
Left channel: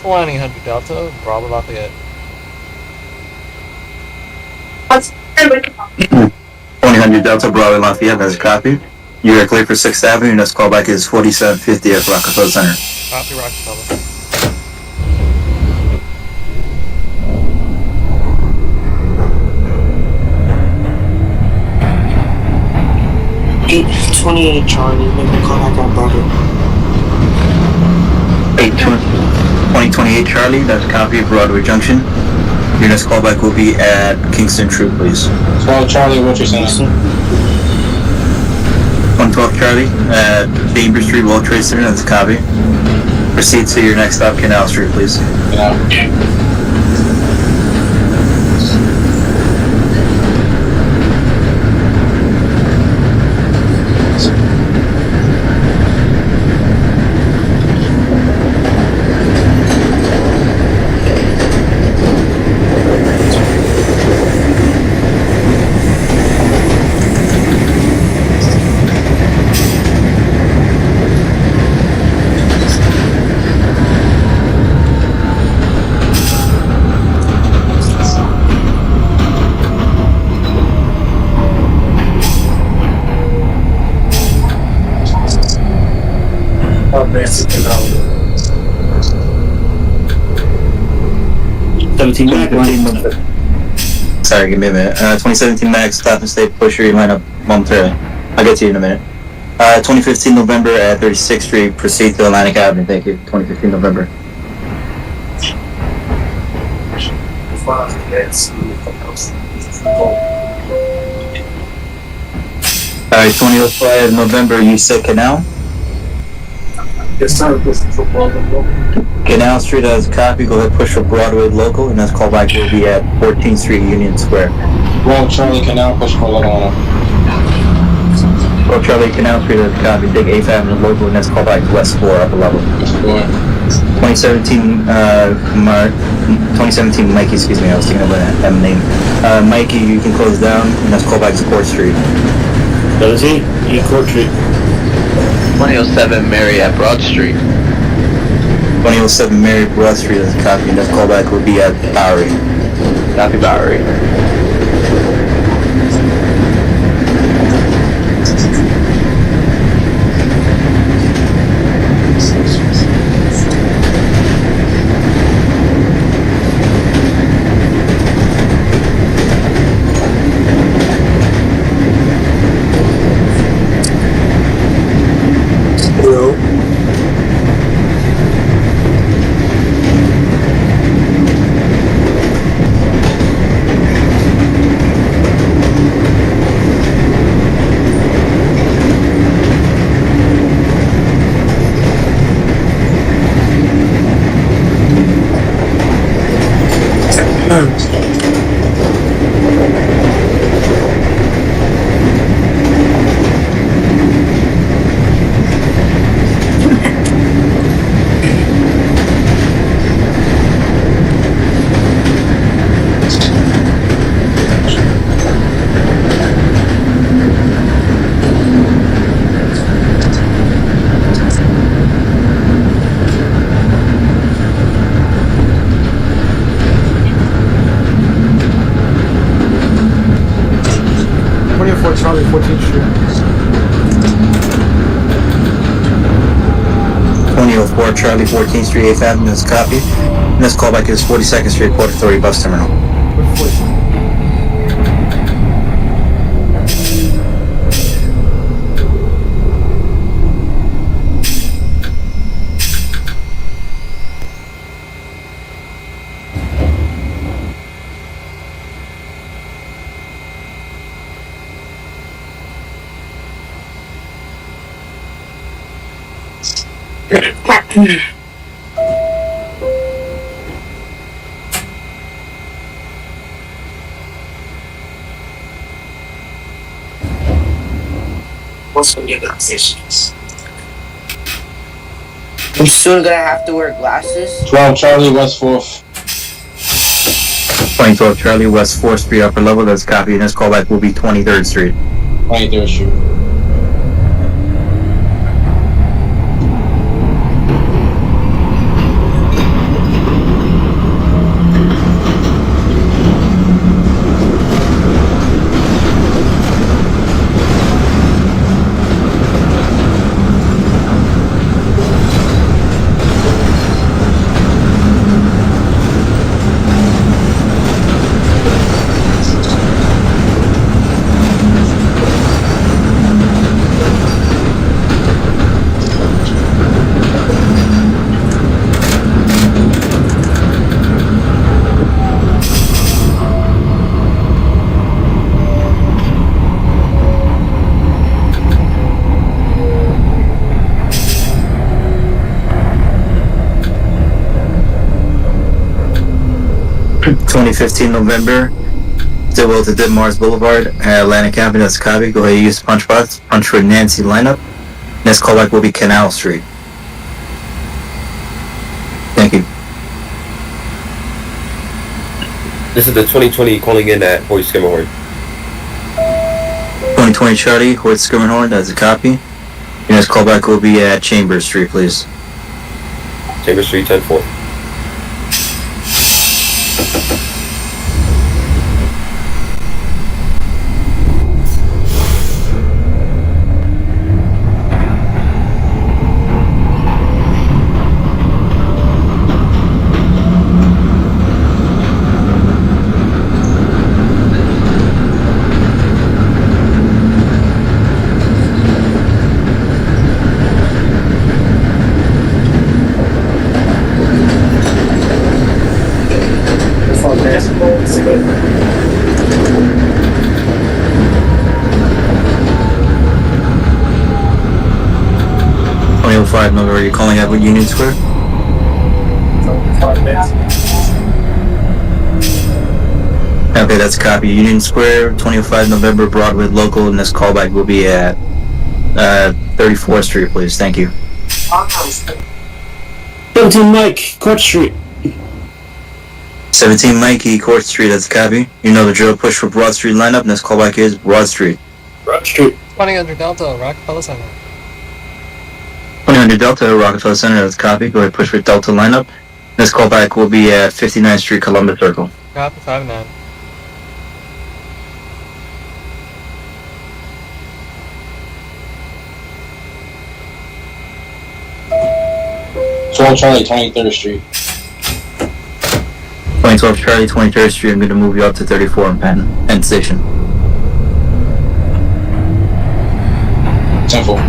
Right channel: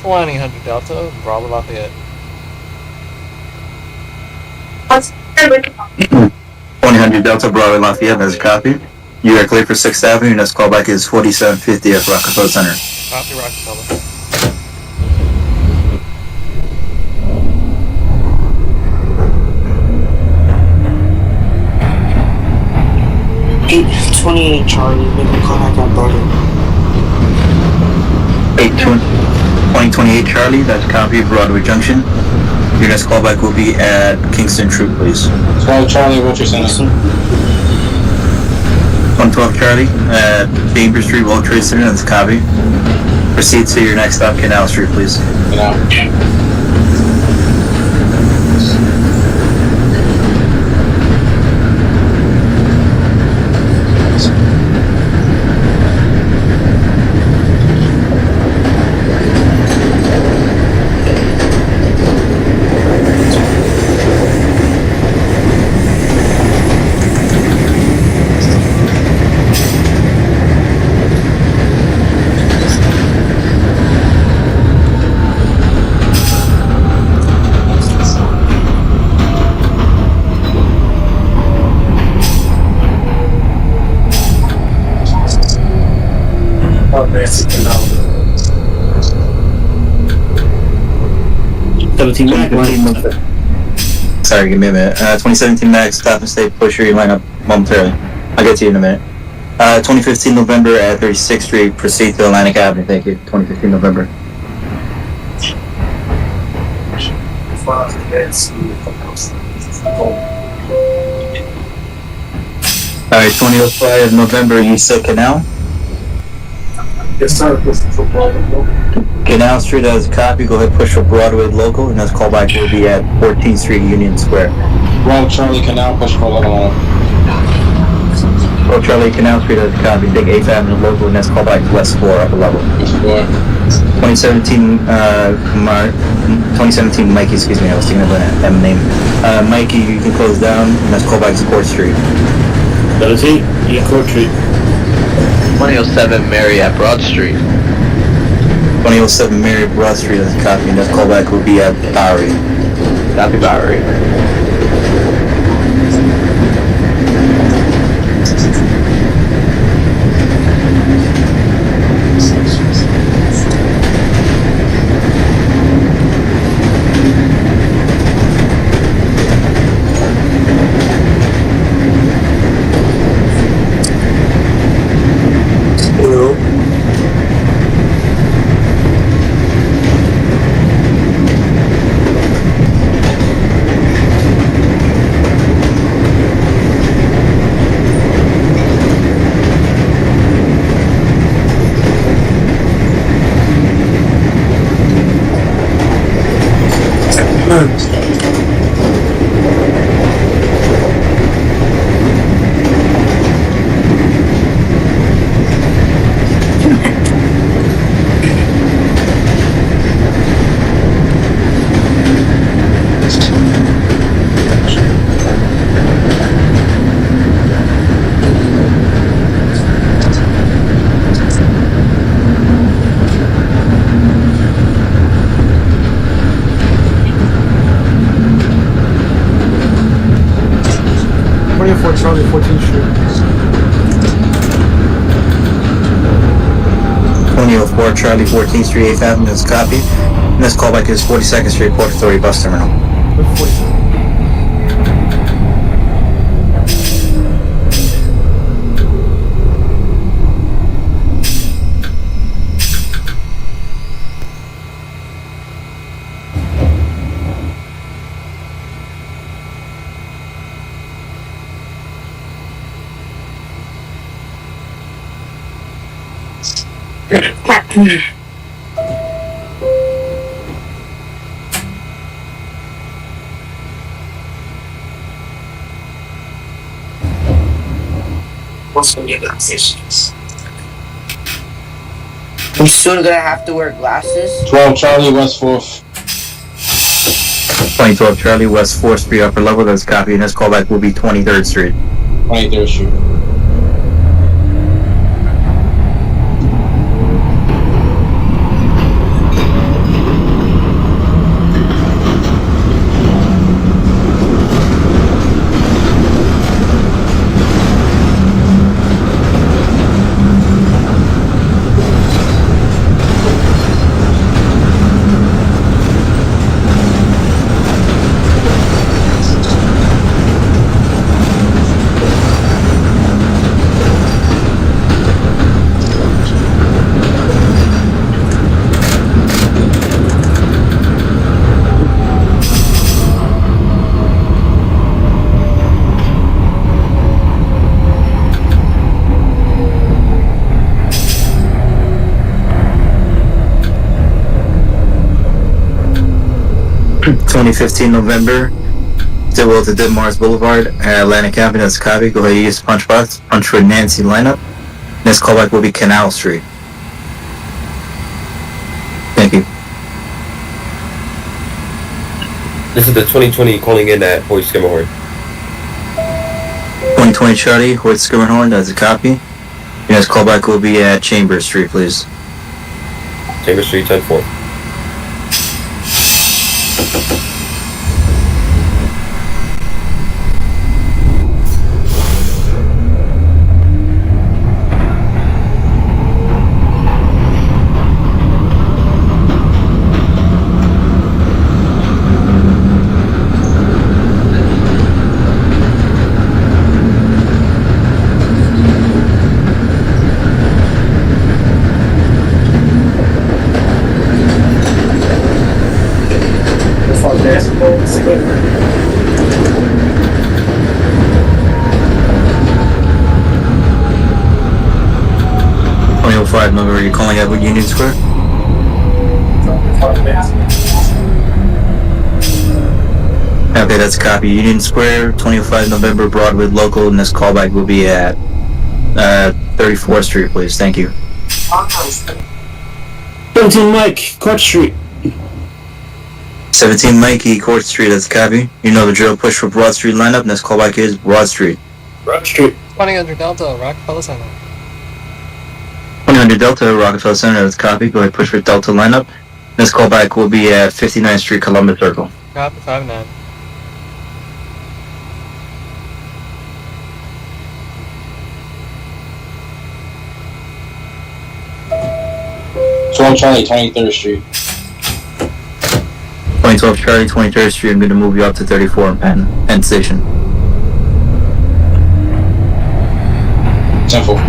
Flying 100 Delta, Bravo Lafayette. 100 Delta, Bravo Lafayette, that's a copy. You are clear for 6th Avenue, next callback is 4750 at Rockefeller Center. Copy, Rockefeller. Eight 28 Charlie, maybe call back that brother. 2028 Charlie, that's a copy of Broadway Junction. Your next callback will be at Kingston Troop, please. 12 Charlie, World Trade Center. 112 Charlie at Chambers Street, World Trade Center, that's a copy. Proceed to your next stop, Canal Street, please. Yeah. 2017 Mac, Sorry, give me a minute. 2017 Max, stop and stay, push your lineup momentarily. I'll get to you in a minute. 2015 November at 36th Street, proceed to Atlantic Avenue. Thank you. 2015 November. Alright, 2005 November, you said Canal? Yes, sir. This is a problem. Canal Street as a copy, go ahead push for Broadway local, and this callback will be at 14th Street Union Square. Wrong Charlie Canal, push for local on. Oh, Charlie, Canal Street as a copy, take 8th Avenue local, and this callback to West 4, upper level. 2017, 2017 Mikey, excuse me, I was thinking of a name. Mikey, you can close down, and that's callback to Court Street. 17, yeah, Court Street. 2007 Mary at Broad Street. 2007 Mary Broad Street as a copy, and this callback will be at Bowery. Copy Bowery. Charlie, 14th Street. 2004 Charlie, 14th Street, 8th Avenue, this copy. And this callback is 42nd Street, Port Authority Bus Terminal. With 42. We soon gonna have to wear glasses. 12 Charlie, West 4th. 2012 Charlie, West 4th Street, upper level, that's copy. And this callback will be 23rd Street. 23rd Street. November, Stillwell to Ditmars Boulevard, Atlantic Avenue, that's copy. Go ahead and use punch box, punch for Nancy lineup. Next callback will be Canal Street. Thank you. This is the 2020 calling in at Hoyt Skimmerhorn. 2020 Charlie, Hoyt Skimmerhorn, that's a copy. Your next callback will be at Chambers Street, please. Chambers Street, 10-4. .05 November, are you calling Edward Union Square? Okay, that's a copy. Union Square, 25 November, Broadway local, and this callback will be at 34th Street, please. Thank you. 17 Mike, Court Street. 17 Mikey, Court Street, that's a copy. You know the drill, push for Broad Street lineup, and this callback is Broad Street. Broad Street. 2000 Delta, Rockefeller Center. 2000 Delta, Rockefeller Center, that's a copy. Go ahead, push for Delta lineup. This callback will be at 59th Street, Columbus Circle. Copy 5-9. Charlie, 23rd Street. 2012 Charlie, 23rd Street, I'm going to move you up to 34 in Penn Station. 10-4.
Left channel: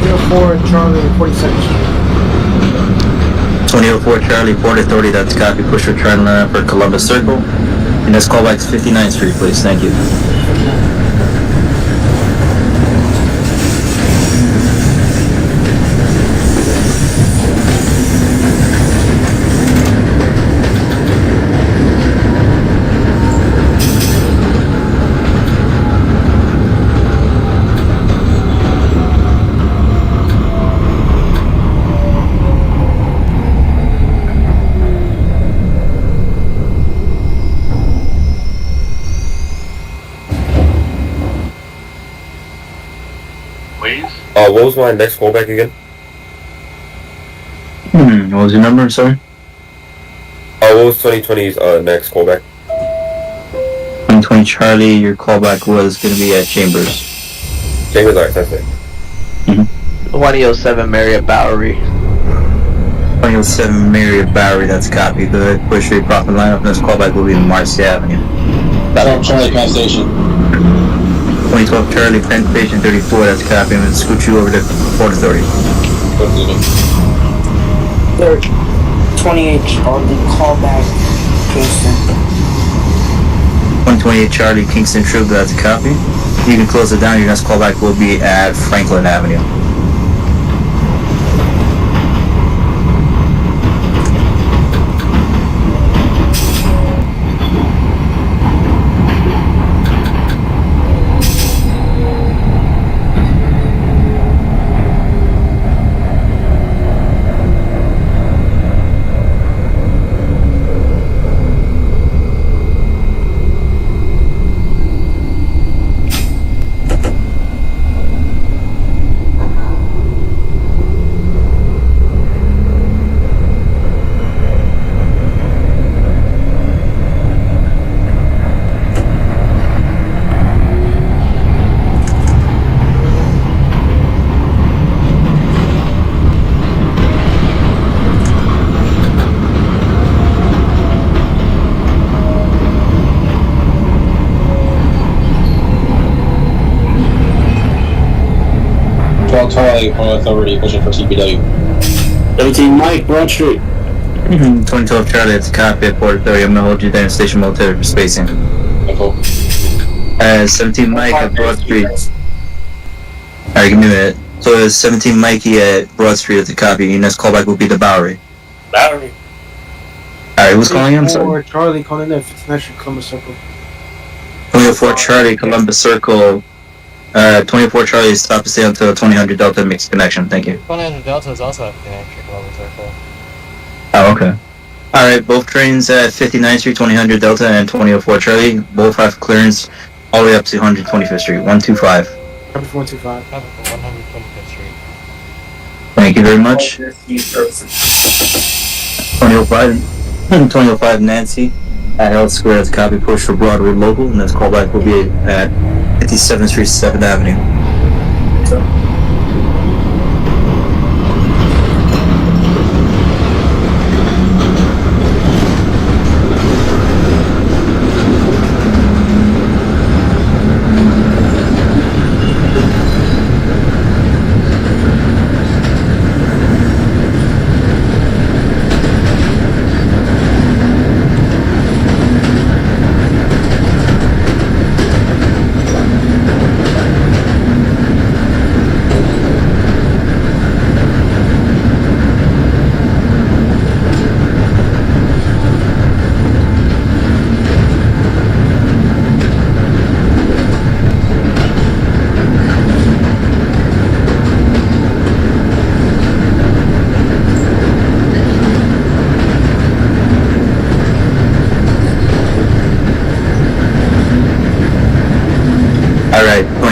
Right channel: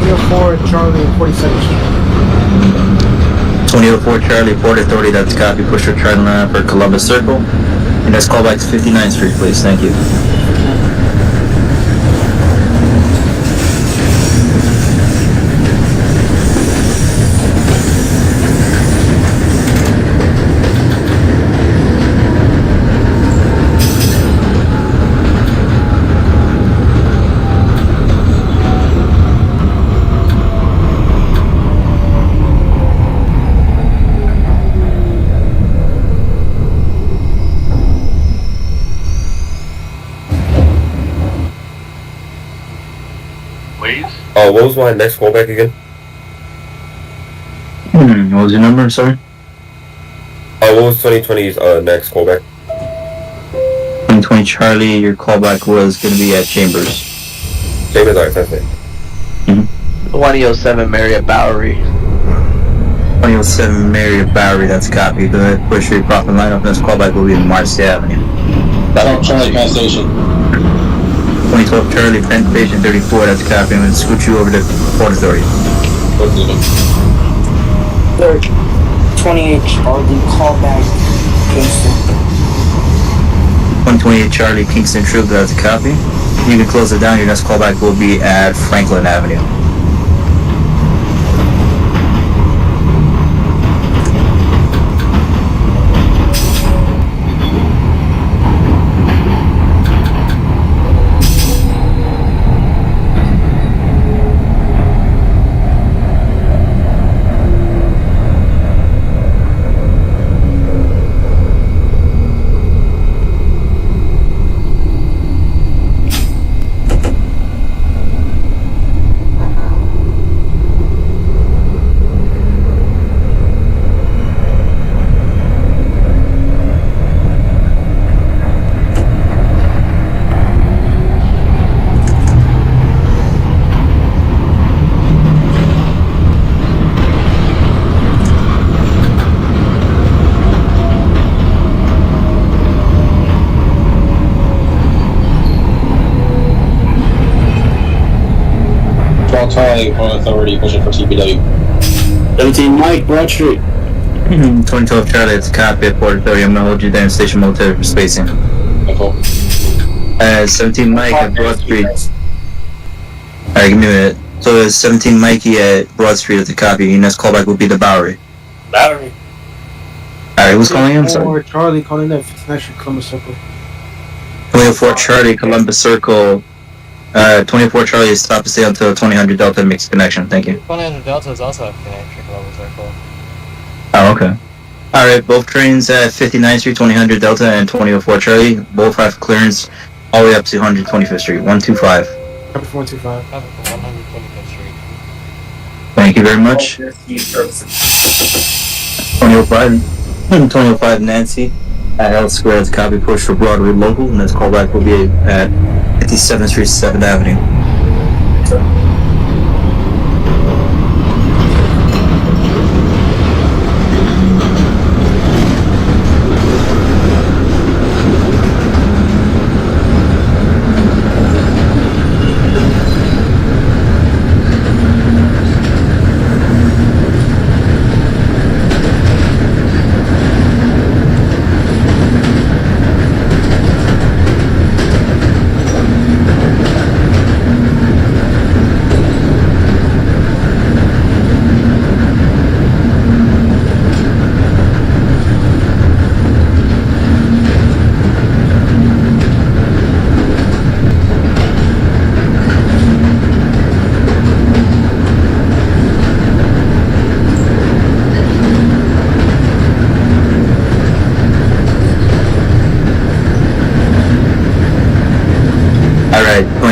304 Charlie, 42nd Street. 2004 Charlie, Port Authority, that's a copy. Push for Charlie lineup for Columbus Circle. And this callback is 59th Street, please. Thank you. What was my next callback again? What was your number, sorry? What was 2020's next callback? 2020 Charlie, your callback was going to be at Chambers. Chambers, alright, that's it. 2007 Marriott Bowery. 2007 Marriott Bowery, that's a copy. The push for your profit lineup, and this callback will be in Marcy Avenue. Charlie, Penn Station. 2012 Charlie, Penn Station 34, that's a copy. I'm going to scoot you over to Port Authority. 28 Charlie, callback, Kingston. 128 Charlie, Kingston Troop, that's a copy. You can close it down. Your next callback will be at Franklin Avenue. Charlie, Port Authority, pushing for CPW. 17 Mike, Broad Street. 2012 Charlie, it's a copy at Port Authority. I'm going to hold you there in Station Military for spacing. 17 Mike at Broad Street. Alright, give me a minute. So it's 17 Mikey at Broad Street at the copy. Your next callback will be the Bowery. Bowery. Alright, who's calling him? Sorry. Charlie, calling in 59th Street, Columbus Circle. 2004 Charlie, Columbus Circle. 24 Charlie is stop to stay until 2000 Delta makes connection. Thank you. 100 Delta is also at 59th Street, Columbus Circle. Oh, okay. Alright, both trains at 59th Street, 2000 Delta, and 2004 Charlie. Both have clearance all the way up to 125th Street. 125. Copy for 125. Copy for 125th Street. Thank you very much. 2005 Nancy at Health Square as copy push for Broadway local, and this callback will be at 57th Street, 7th Avenue.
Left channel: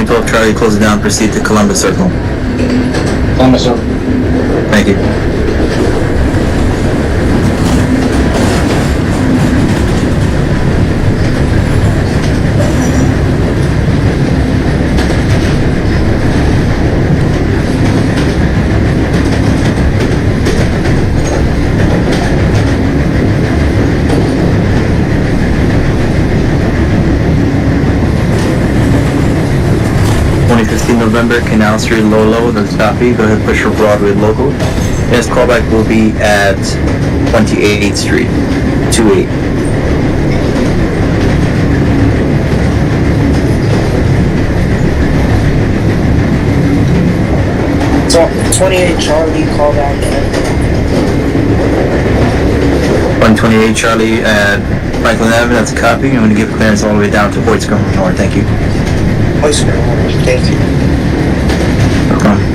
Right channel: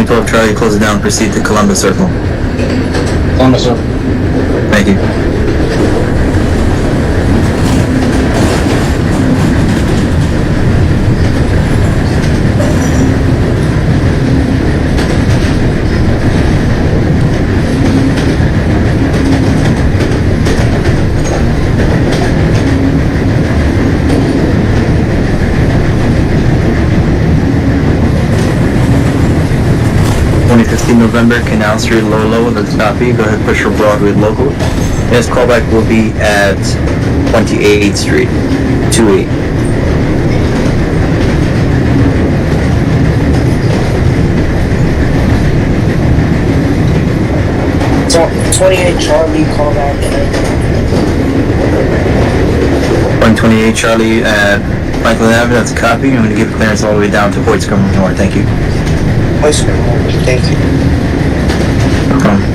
2012 Charlie, close it down, proceed to Columbus Circle. Columbus Circle. Thank you. November, Canal Street, low, that's copy. Go ahead, push for Broadway local. Next callback will be at 28th Street, 28. So, 28 Charlie, call back. 128 Charlie at Franklin Avenue, that's a copy. I'm going to give clearance all the way down to Hoyt-Scrum North. Thank you. Thank you. No problem.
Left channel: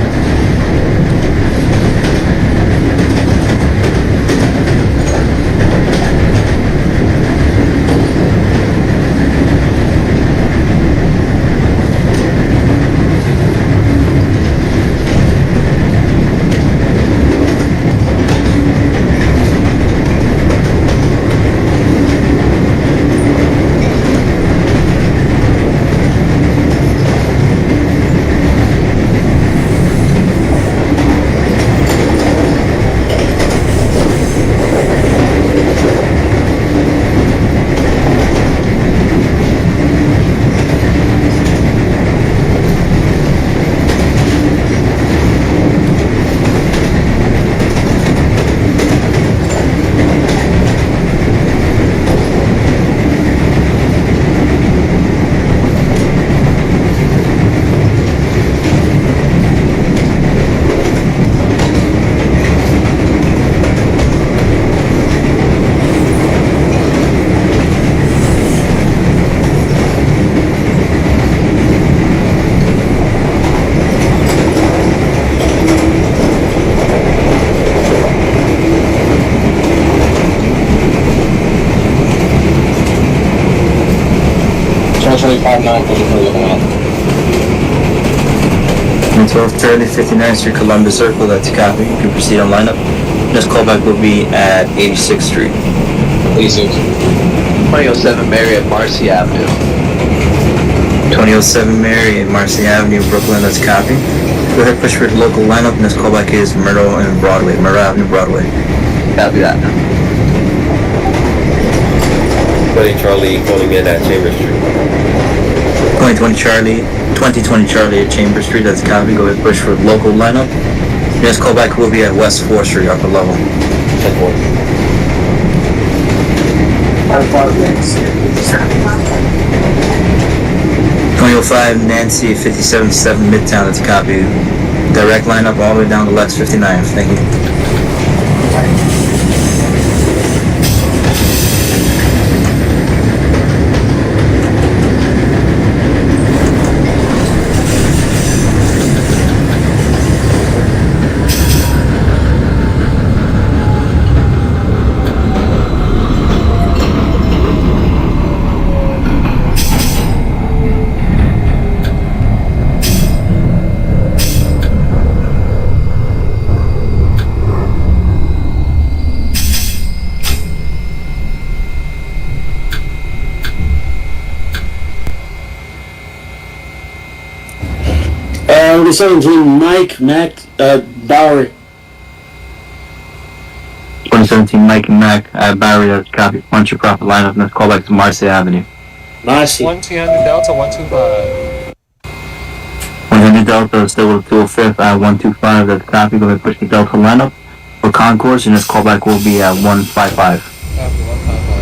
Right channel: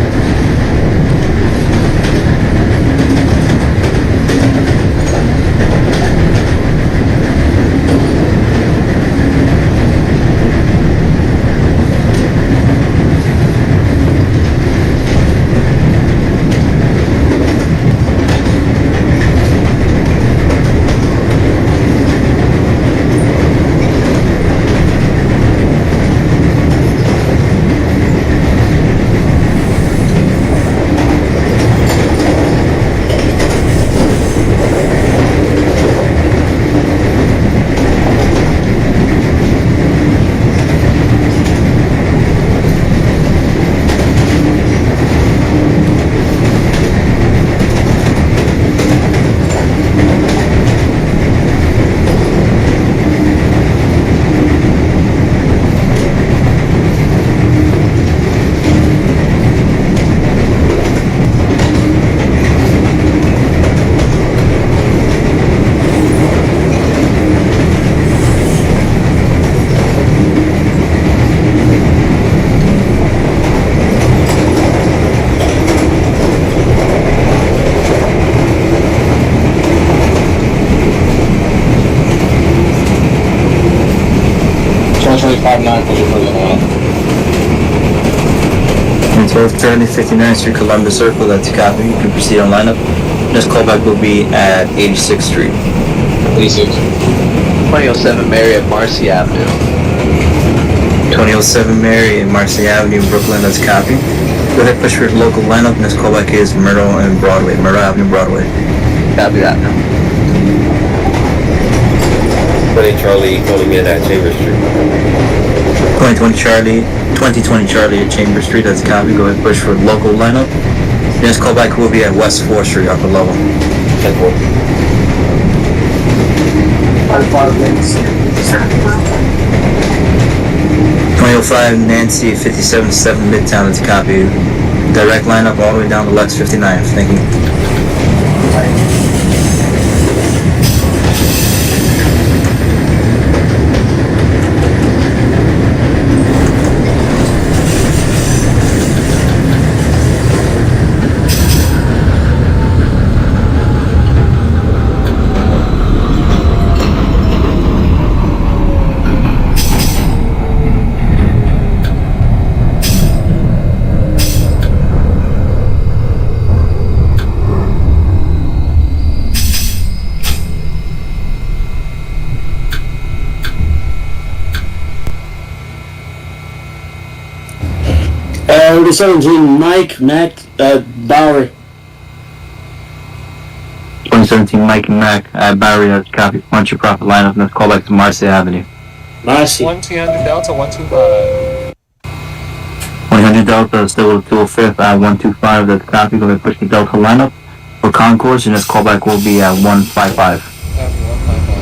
Charlie 59, pushing for the line. And 1230 59th Street, Columbus Circle, that's a copy. You can proceed on lineup. Next callback will be at 86th Street. 86. 2007 Mary at Marcy Avenue. 2007 Mary and Marcy Avenue, Brooklyn, that's a copy. Go ahead, push for the local lineup. Next callback is Myrtle and Broadway. Myrtle Avenue, Broadway. Copy that. 20 Charlie calling in at Chambers Street. 2020 Charlie at Chambers Street, that's a copy. Go ahead, push for the local lineup. Next callback will be at West 4th Street, upper level. 2005 Nancy 57-7 Midtown, that's a copy. Direct lineup all the way down to Lex 59. Thank you. Number 17, Mike, Matt, Bowery. 2017 Mike and Mac at Bowery, that's a copy. Punch your proper lineup. Next callback to Marcy Avenue. Marcy. 1200 Delta 125. 100 Delta, still with 205 at 125, that's a copy. Go ahead, push the Delta lineup for concourse, and this callback will be at 155. Copy 155.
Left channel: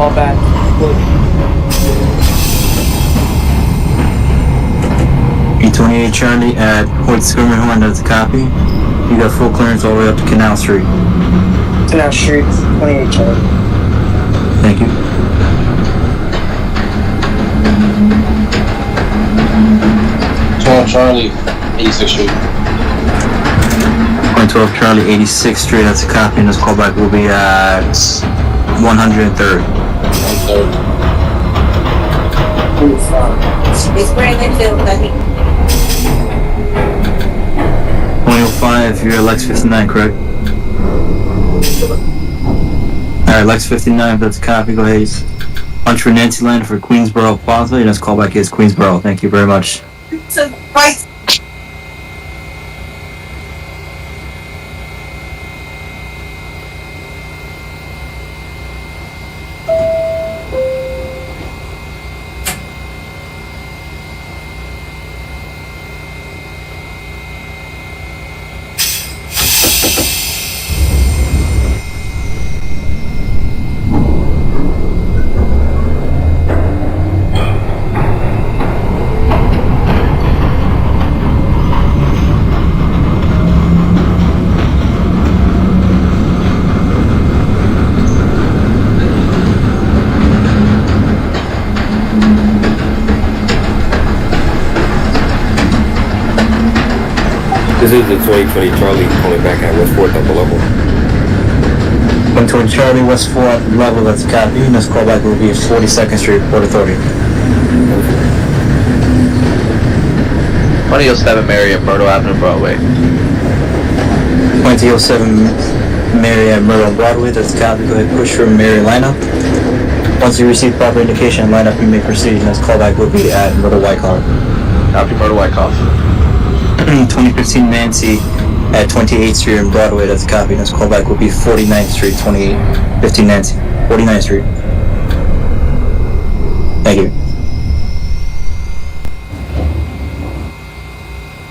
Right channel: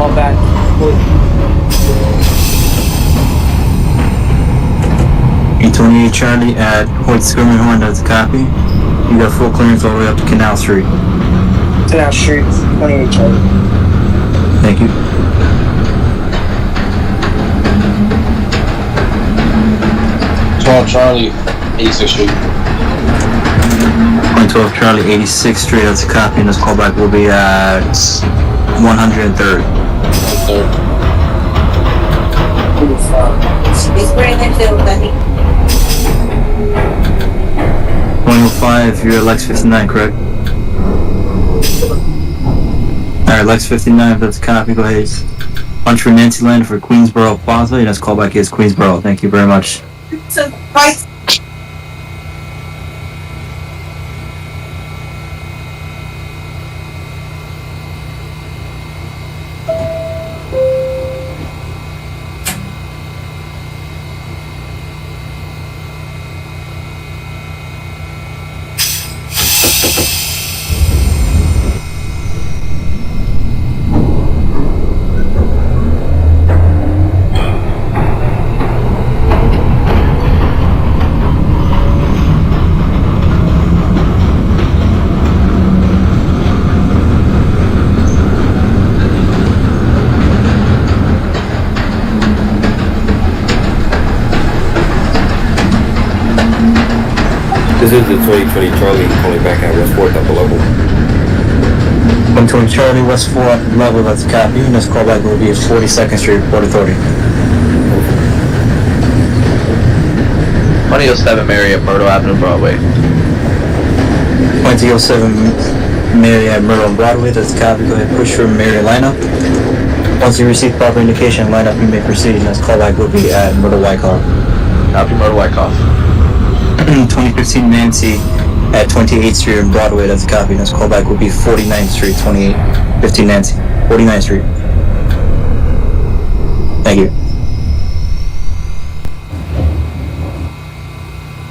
call back. 828 Charlie at Port Skirmer, that's a copy. You got full clearance all the way up to Canal Street. Canal Street, 28 Charlie. Thank you. Charlie, 86th Street. 12 Charlie, 86th Street, that's a copy, and this callback will be at 103rd. Third. It's Brandonville, buddy. 105, you're Lex 59, correct? Alright, Lex 59, if that's a copy, go ahead. Punch for Nancy Land for Queensboro Plaza, and this callback is Queensboro. Thank you very much. So, price. This is the 2020 Charlie calling back at West 4th upper level. 120 Charlie, West 4 level, that's a copy, and this callback will be at 42nd Street, Port Authority. 2007 Mary at Myrtle Avenue, Broadway. 2007 Mary at Myrtle Broadway, that's a copy, go ahead, push for Mary lineup. Once you receive proper indication and lineup, you may proceed, and this callback will be at Myrtle Wyckoff. Copy, Myrtle Wyckoff. 2015 Nancy at 28th Street and Broadway, that's a copy, and this callback will be 49th Street, 15 Nancy, 49th Street. Thank you.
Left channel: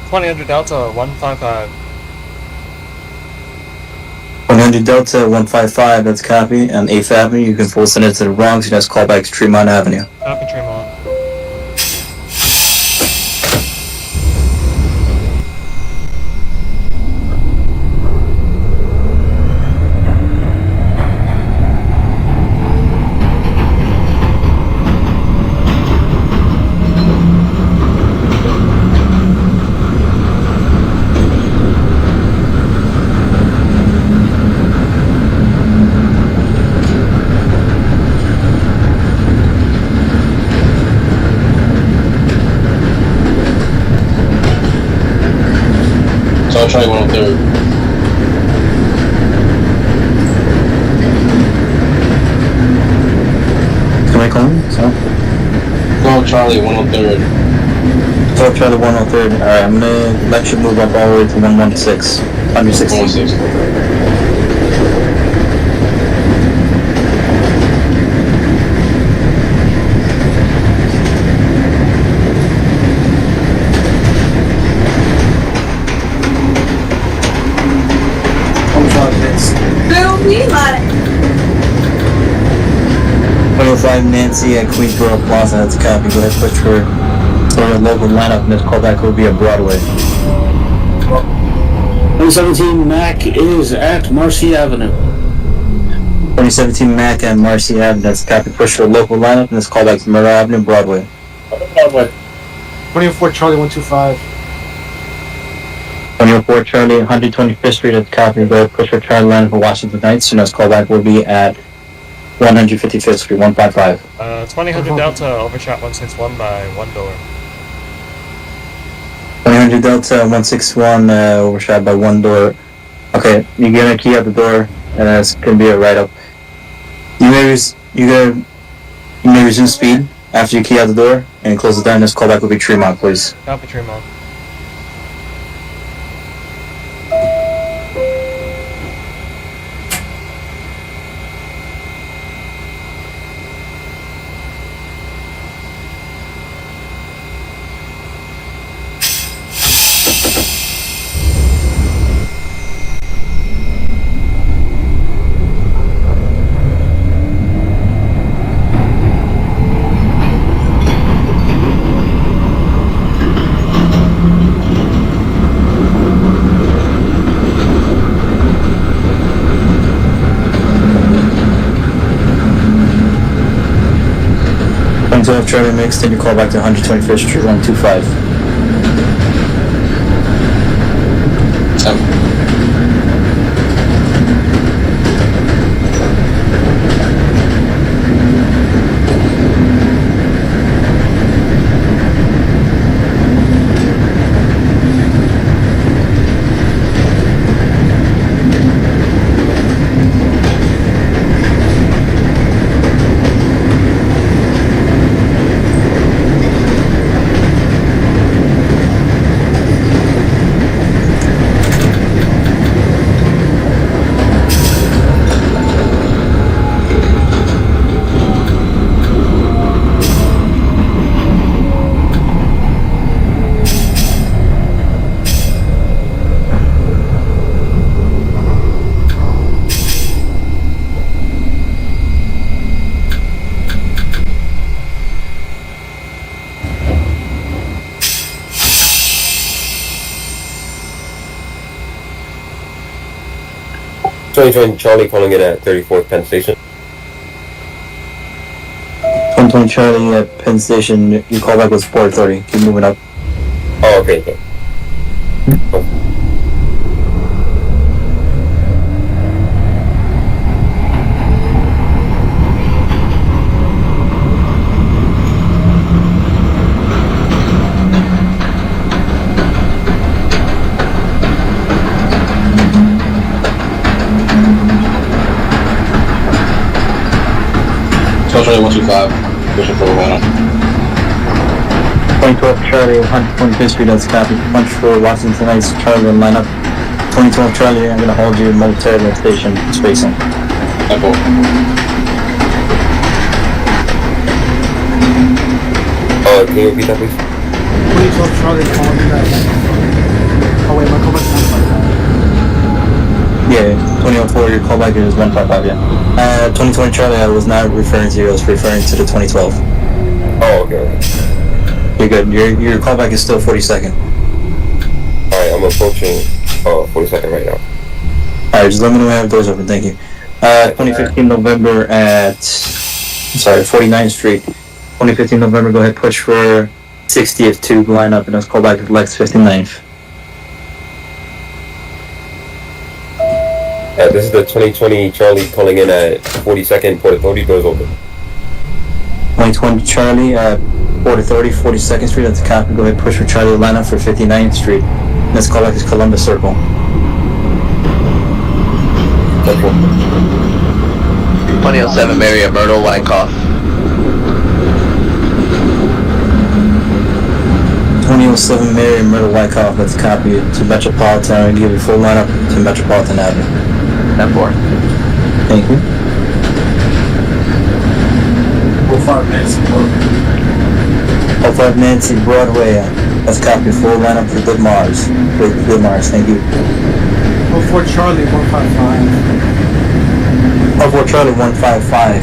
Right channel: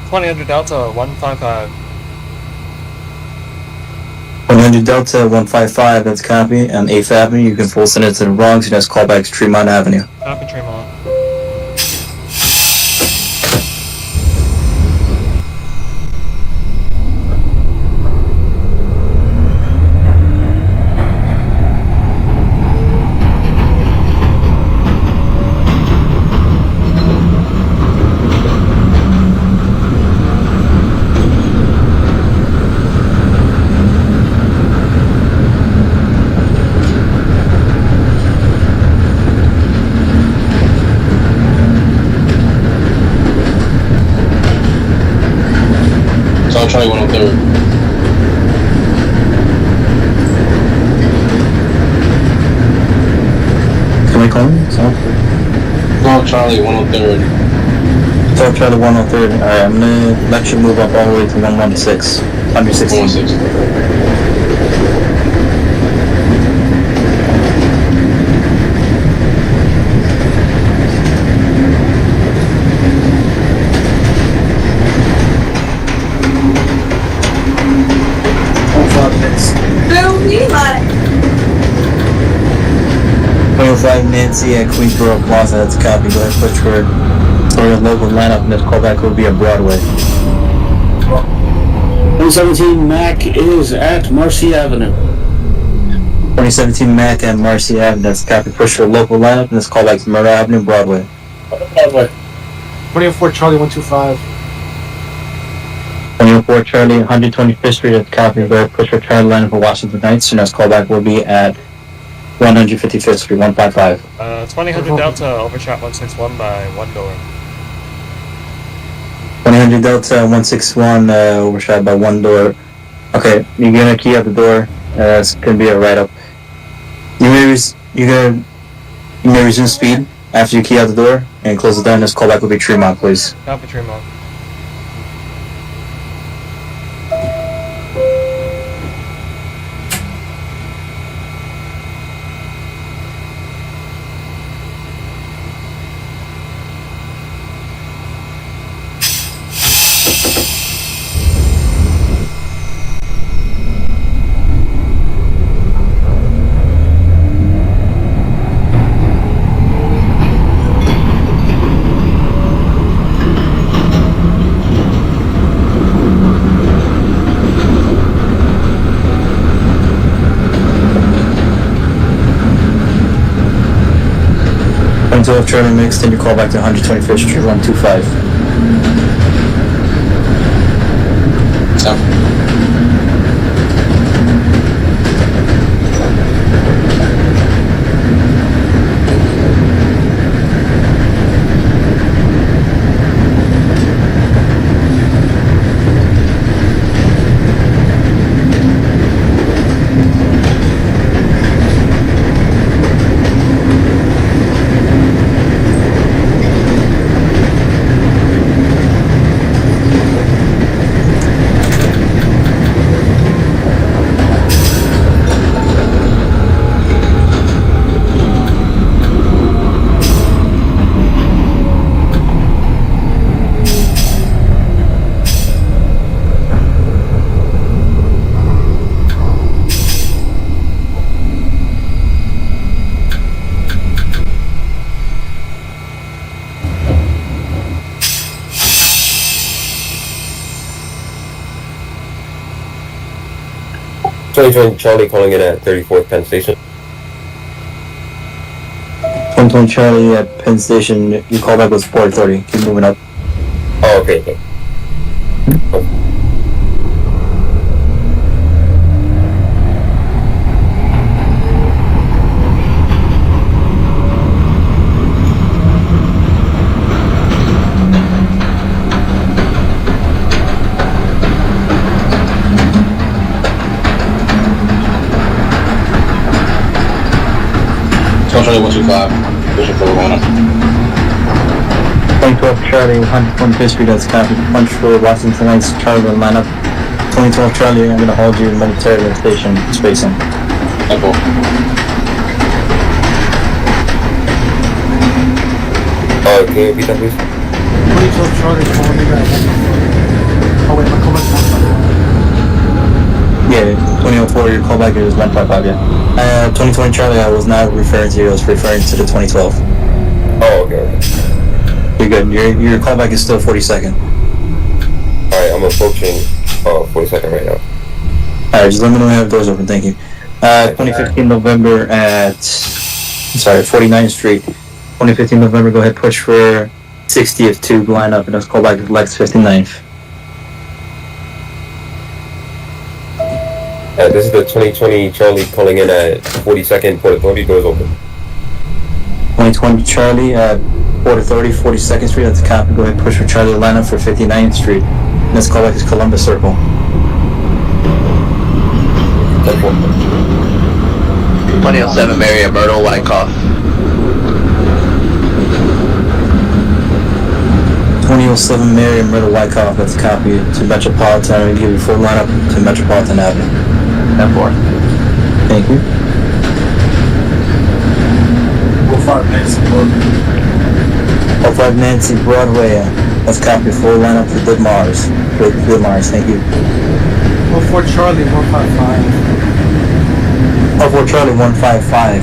2000 Delta 155. 100 Delta 155, that's a copy, on 8th Avenue, you can full send it to the Bronx, and that's callback to Tremont Avenue. Copy Tremont. Charlie, 103rd. Can I call him? So? 12 Charlie, 103rd. 12 Charlie 103rd. Alright, I'm gonna let you move up all the way to 116. 116. 116. Boom, you like. 105 Nancy at Queensboro Plaza, that's a copy. Go ahead, push for your local lineup, and this callback will be at Broadway. 2017 Mac is at Marcy Avenue. 2017 Mac at Marcy Avenue, that's a copy. Push for local lineup, and this callback to Murder Avenue, Broadway. Broadway. 24 Charlie 125. 24 Charlie, 125th Street at the copy. Go ahead, push for Charlie lineup for Washington Heights, and this callback will be at 155th Street, 155. 2000 Delta overshot 161 by one door. 100 Delta 161 overshot by one door. Okay, you're gonna key out the door. It's gonna be a write-up. You may resume speed after you key out the door and close it down. This callback will be Tremont, please. Copy Tremont. 2012 Charlie mixed, and you call back to 125th Street 125. 10. Charlie calling in at 34th Penn Station. 2020 Charlie at Penn Station, your callback was 4:30. Keep moving up. Oh, okay. Oh. Charlie 125, pushing for Atlanta. 2012 Charlie, 125th Street, that's copy. Punch for Washington Heights, Charlie will line up. 2012 Charlie, I'm going to hold you momentarily at station spacing. Apple. Can you repeat that, please? 2012 Charlie calling you right now. Oh wait, my callback's 155. Yeah, 2004, your callback is 155, yeah. 2020 Charlie, I was not referring to you, I was referring to the 2012. Oh, okay. You're good, your callback is still 42nd. Alright, I'm approaching 42nd right now. Alright, just let me know when I have doors open, thank you. 2015 November at, 49th Street. 2015 November, go ahead, push for 60th to line up, and let's call back to Lex 59th. This is the 2020 Charlie calling in at 42nd, Port Authority, doors open. 2020 Charlie at 4030 42nd Street, that's a copy. Go ahead, push for Charlie Atlanta for 59th Street. Let's call back to Columbus Circle. 2007 Mary at Myrtle Wyckoff. 2007 Mary and Myrtle Wyckoff, that's a copy to Metropolitan. I'm going to give you full lineup to Metropolitan Avenue. 10-4. Thank you. We'll 5 Nancy Broadway. 05 Nancy Broadway, that's a copy. Full lineup for Good Mars. Good Mars, thank you. 04 Charlie 155. 04 Charlie 155,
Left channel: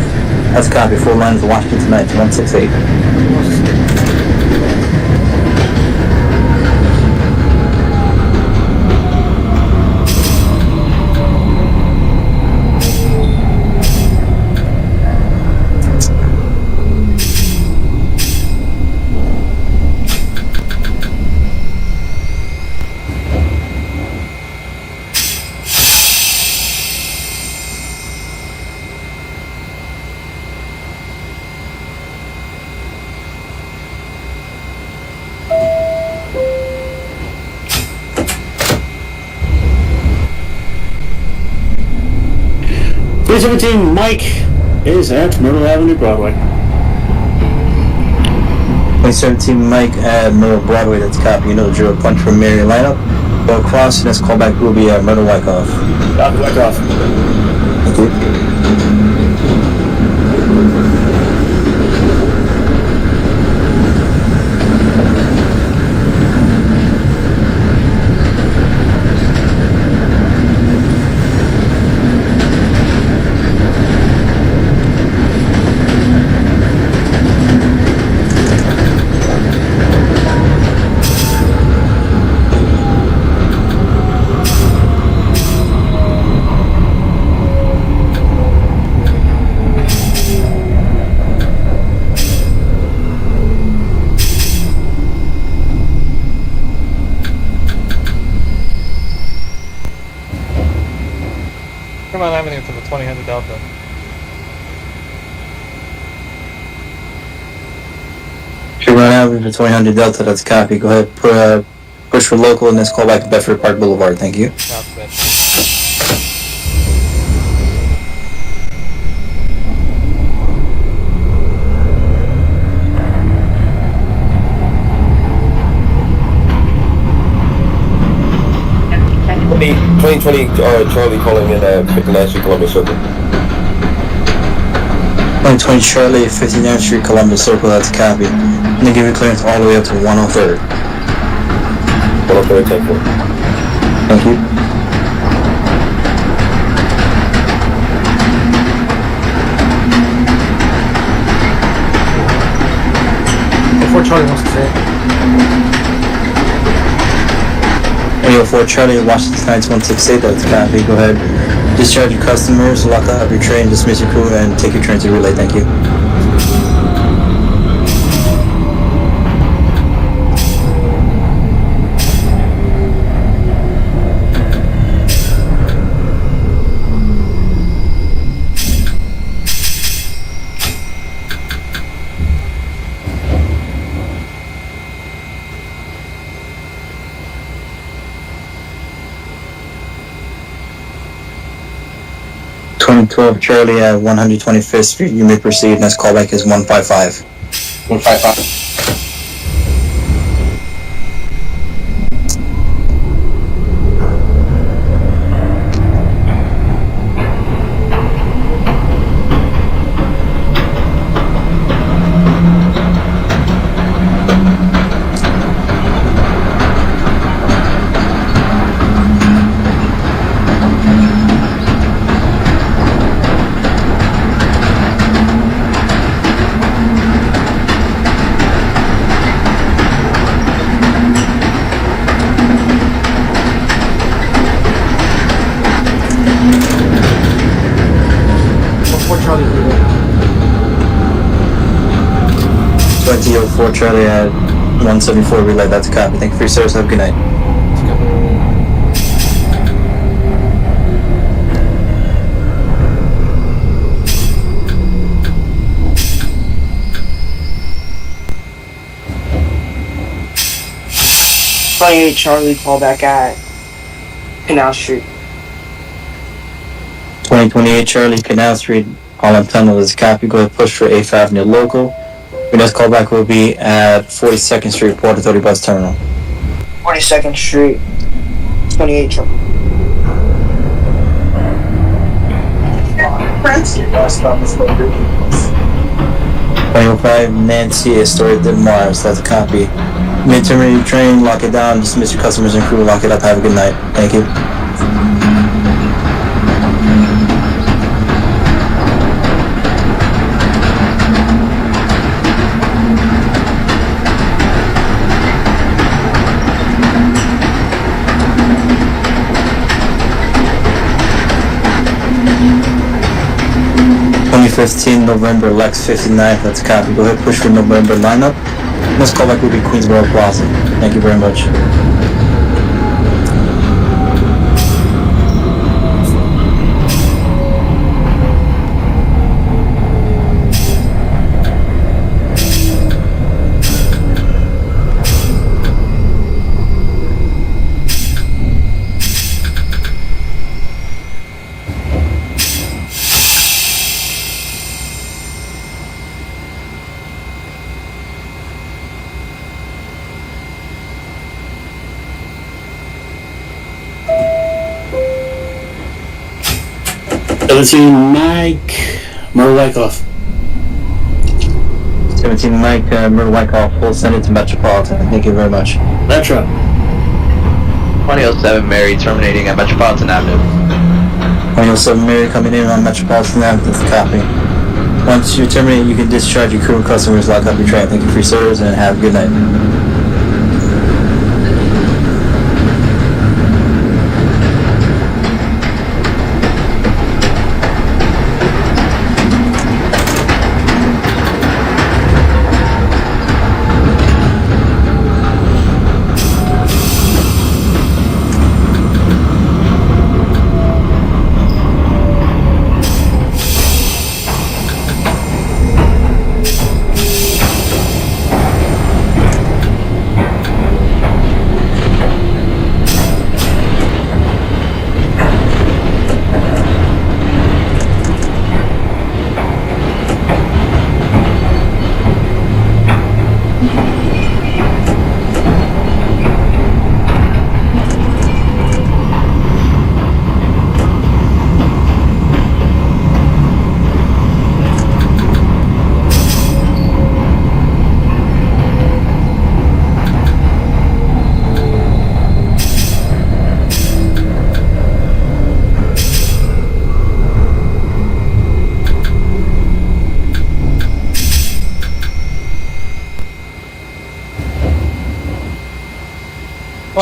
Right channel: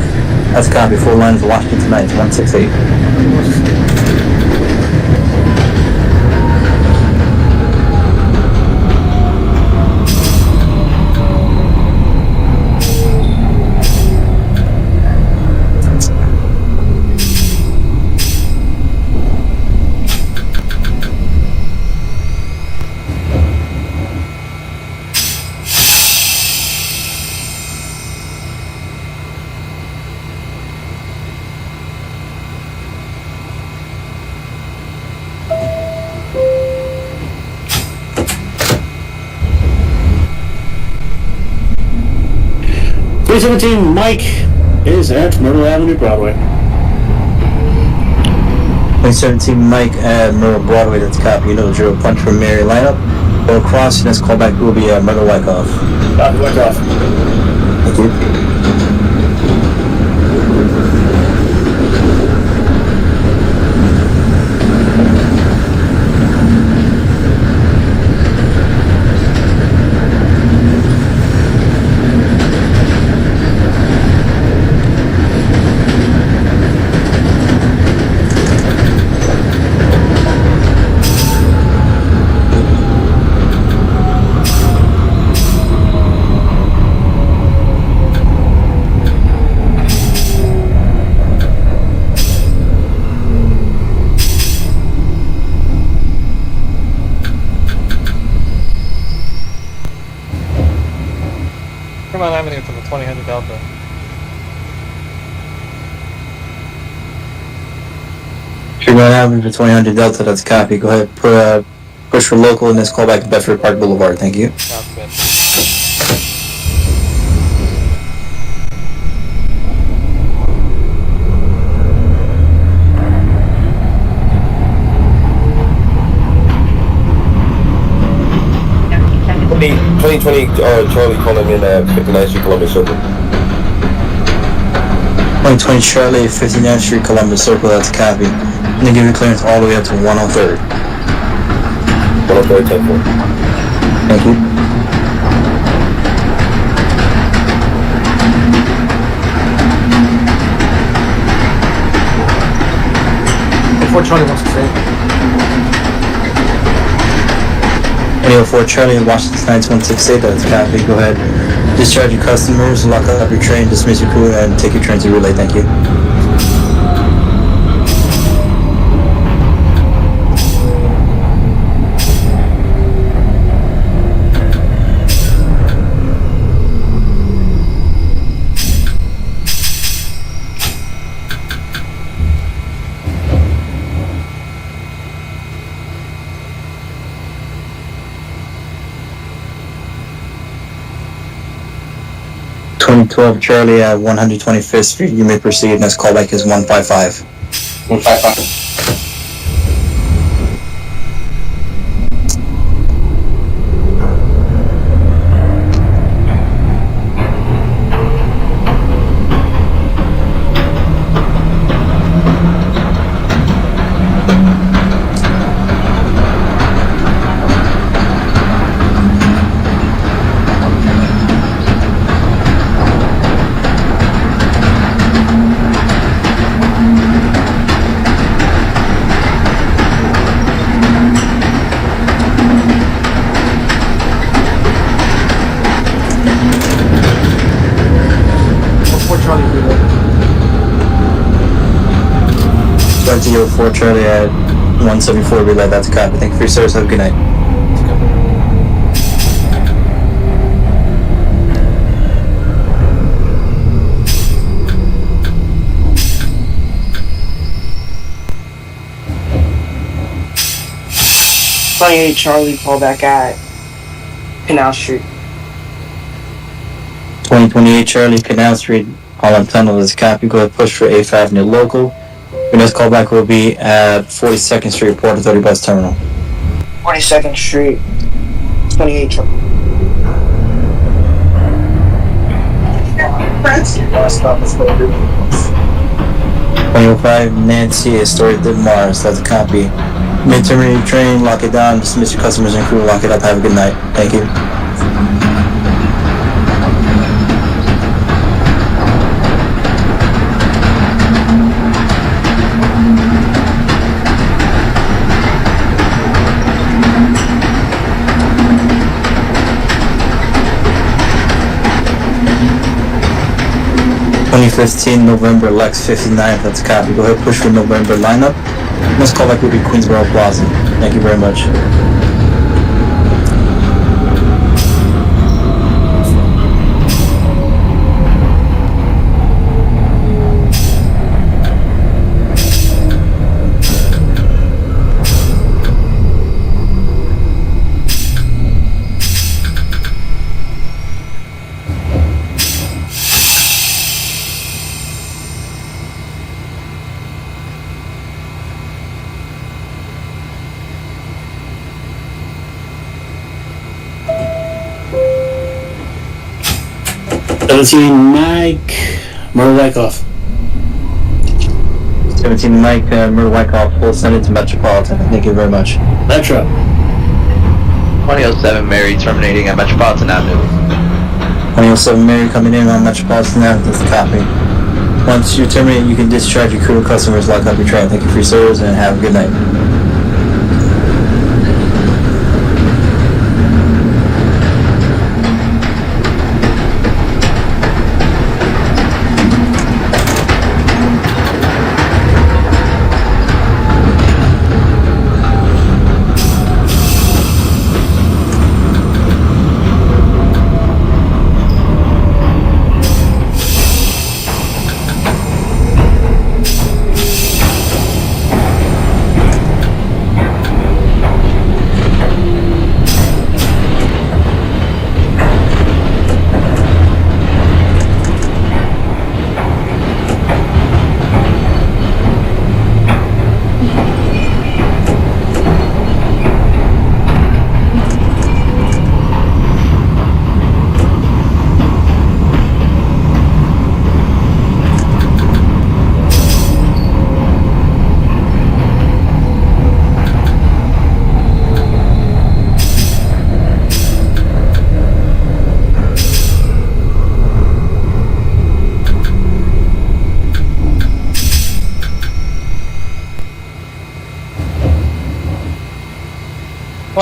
that's a copy. Full lineup for Washington Heights 168. Mike is at Myrtle Avenue, Broadway. 2017 Mike at Myrtle Broadway, that's a copy. You know the drill. Punch for Mary lineup. Go across, and this callback will be at Myrtle Wyckoff. Wyckoff. Thank you. Delta. If you're running average for 2000 Delta, that's a copy. Go ahead, push for local and this call back to Bedford Park Boulevard. Thank you. Copy that. 2020 Charlie calling in at 59th Street, Columbus Circle. 2020 Charlie, 59th Street, Columbus Circle, that's a copy. I'm gonna give you clearance all the way up to 103rd. 103rd, 10-4. Thank you. Before Charlie wants to say. 2004 Charlie, Washington 9168, that's a copy. Go ahead. Discharge your customers, lock up your train, dismiss your crew, and take your train to relay. Thank you. .12 Charlie at 125th Street, you may proceed. Next callback is 155. 155. Before Charlie relay. 2004 Charlie at 174 relay, that's a copy. Thank you for your service. Have a good night. Charlie, call back at Canal Street. 2028 Charlie, Canal Street, Holland Tunnel is a copy. Go ahead, push for 8th Avenue local. Your next callback will be at 42nd Street, Port Authority Bus Terminal. 42nd Street, 28 Charlie. Friends? 2005 Nancy, Astoria de Mars, that's a copy. Mid-terminate your train, lock it down, dismiss your customers and crew, lock it up, have a good night. Thank you. November, Lex 59th, that's a copy. Go ahead, push for November lineup. Next callback will be Queensboro Plaza. Thank you very much. Mike, Murray Wyckoff. 17 Mike, Murray Wyckoff, full send it to Metropolitan. Thank you very much. Metro. 2007 Mary terminating at Metropolitan Avenue. 2007 Mary coming in on Metropolitan Avenue, that's a copy. Once you terminate, you can discharge your crew and customers, lock up your train. Thank you for your service and have a good night.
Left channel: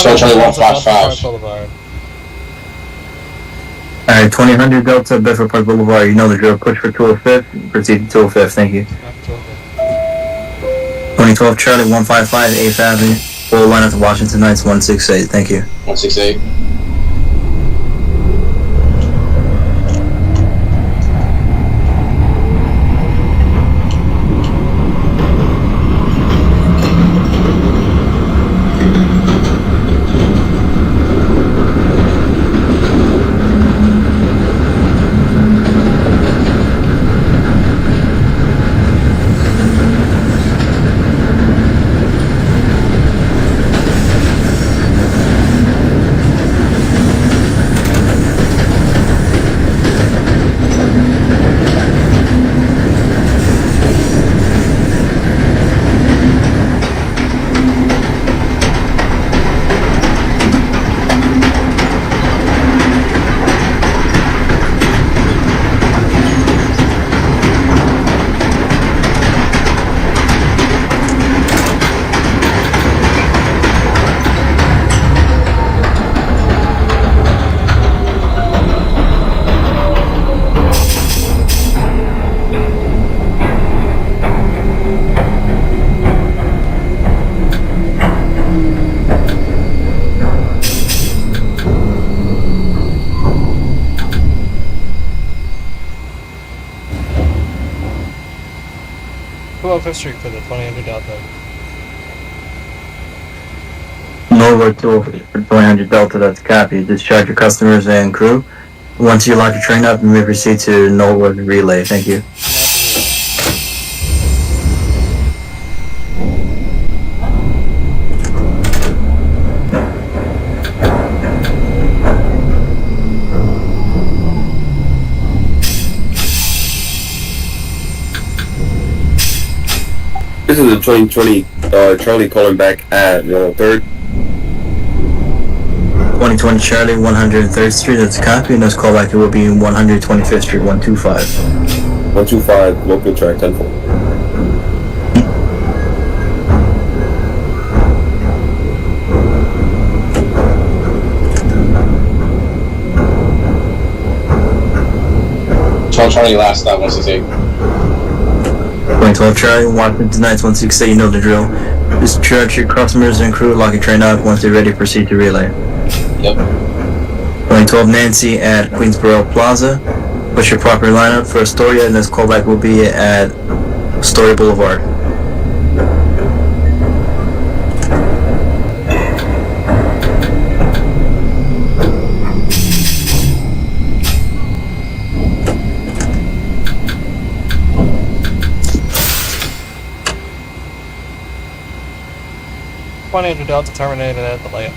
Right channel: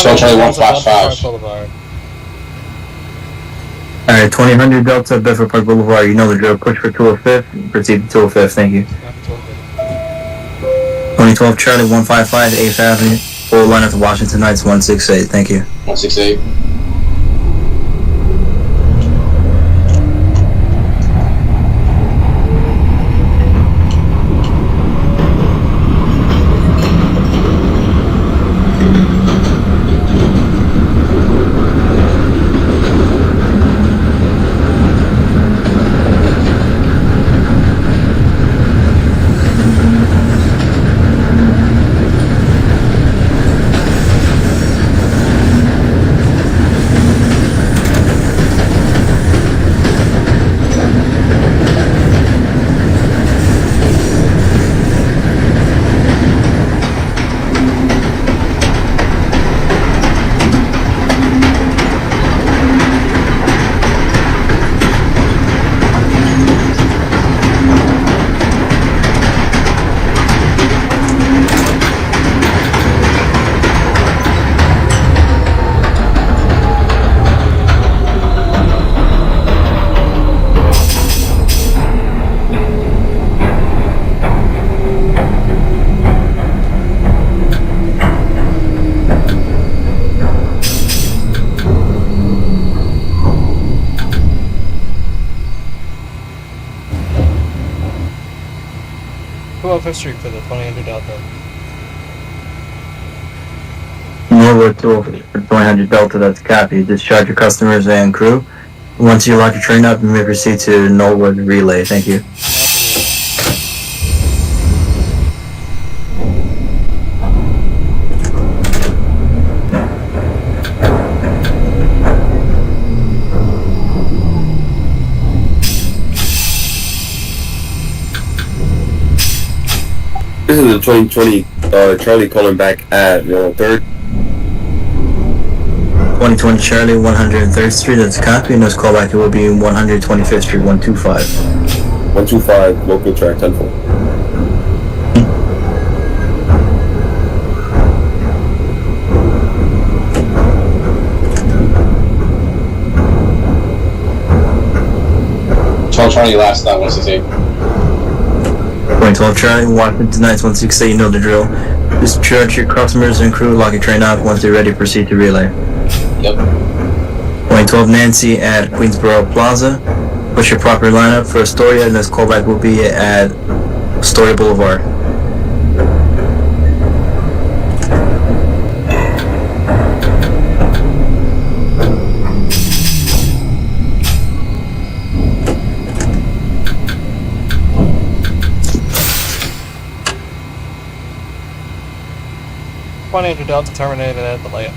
Charlie Delta 155. Park Boulevard. Alright, 2000 Delta, Bedford Park Boulevard. You know the drill. Push for 205. Proceed to 205. Thank you. 2012 Charlie 155 8th Avenue. Full line up to Washington Heights 168. Thank you. 168. Fifth Street for the 2000 Delta. Norwood-205 for 2000 Delta. That's a copy. Discharge your customers and crew. Once you lock your train up, you may proceed to Norwood Relay. Thank you. This is the 2020 Charlie calling back at 3rd. 2020 Charlie 103rd Street. That's a copy. And this callback it will be 125th Street 125. 125 local track 10-4. Charlie last stop 168. 2012 Charlie, Washington Heights 168, you know the drill. Discharge your customers and crew, lock your train up. Once they're ready, proceed to relay. Yep. 2012 Nancy at Queensboro Plaza. Push your proper lineup for Astoria, and this callback will be at Astoria Boulevard. Delta terminated at the layup.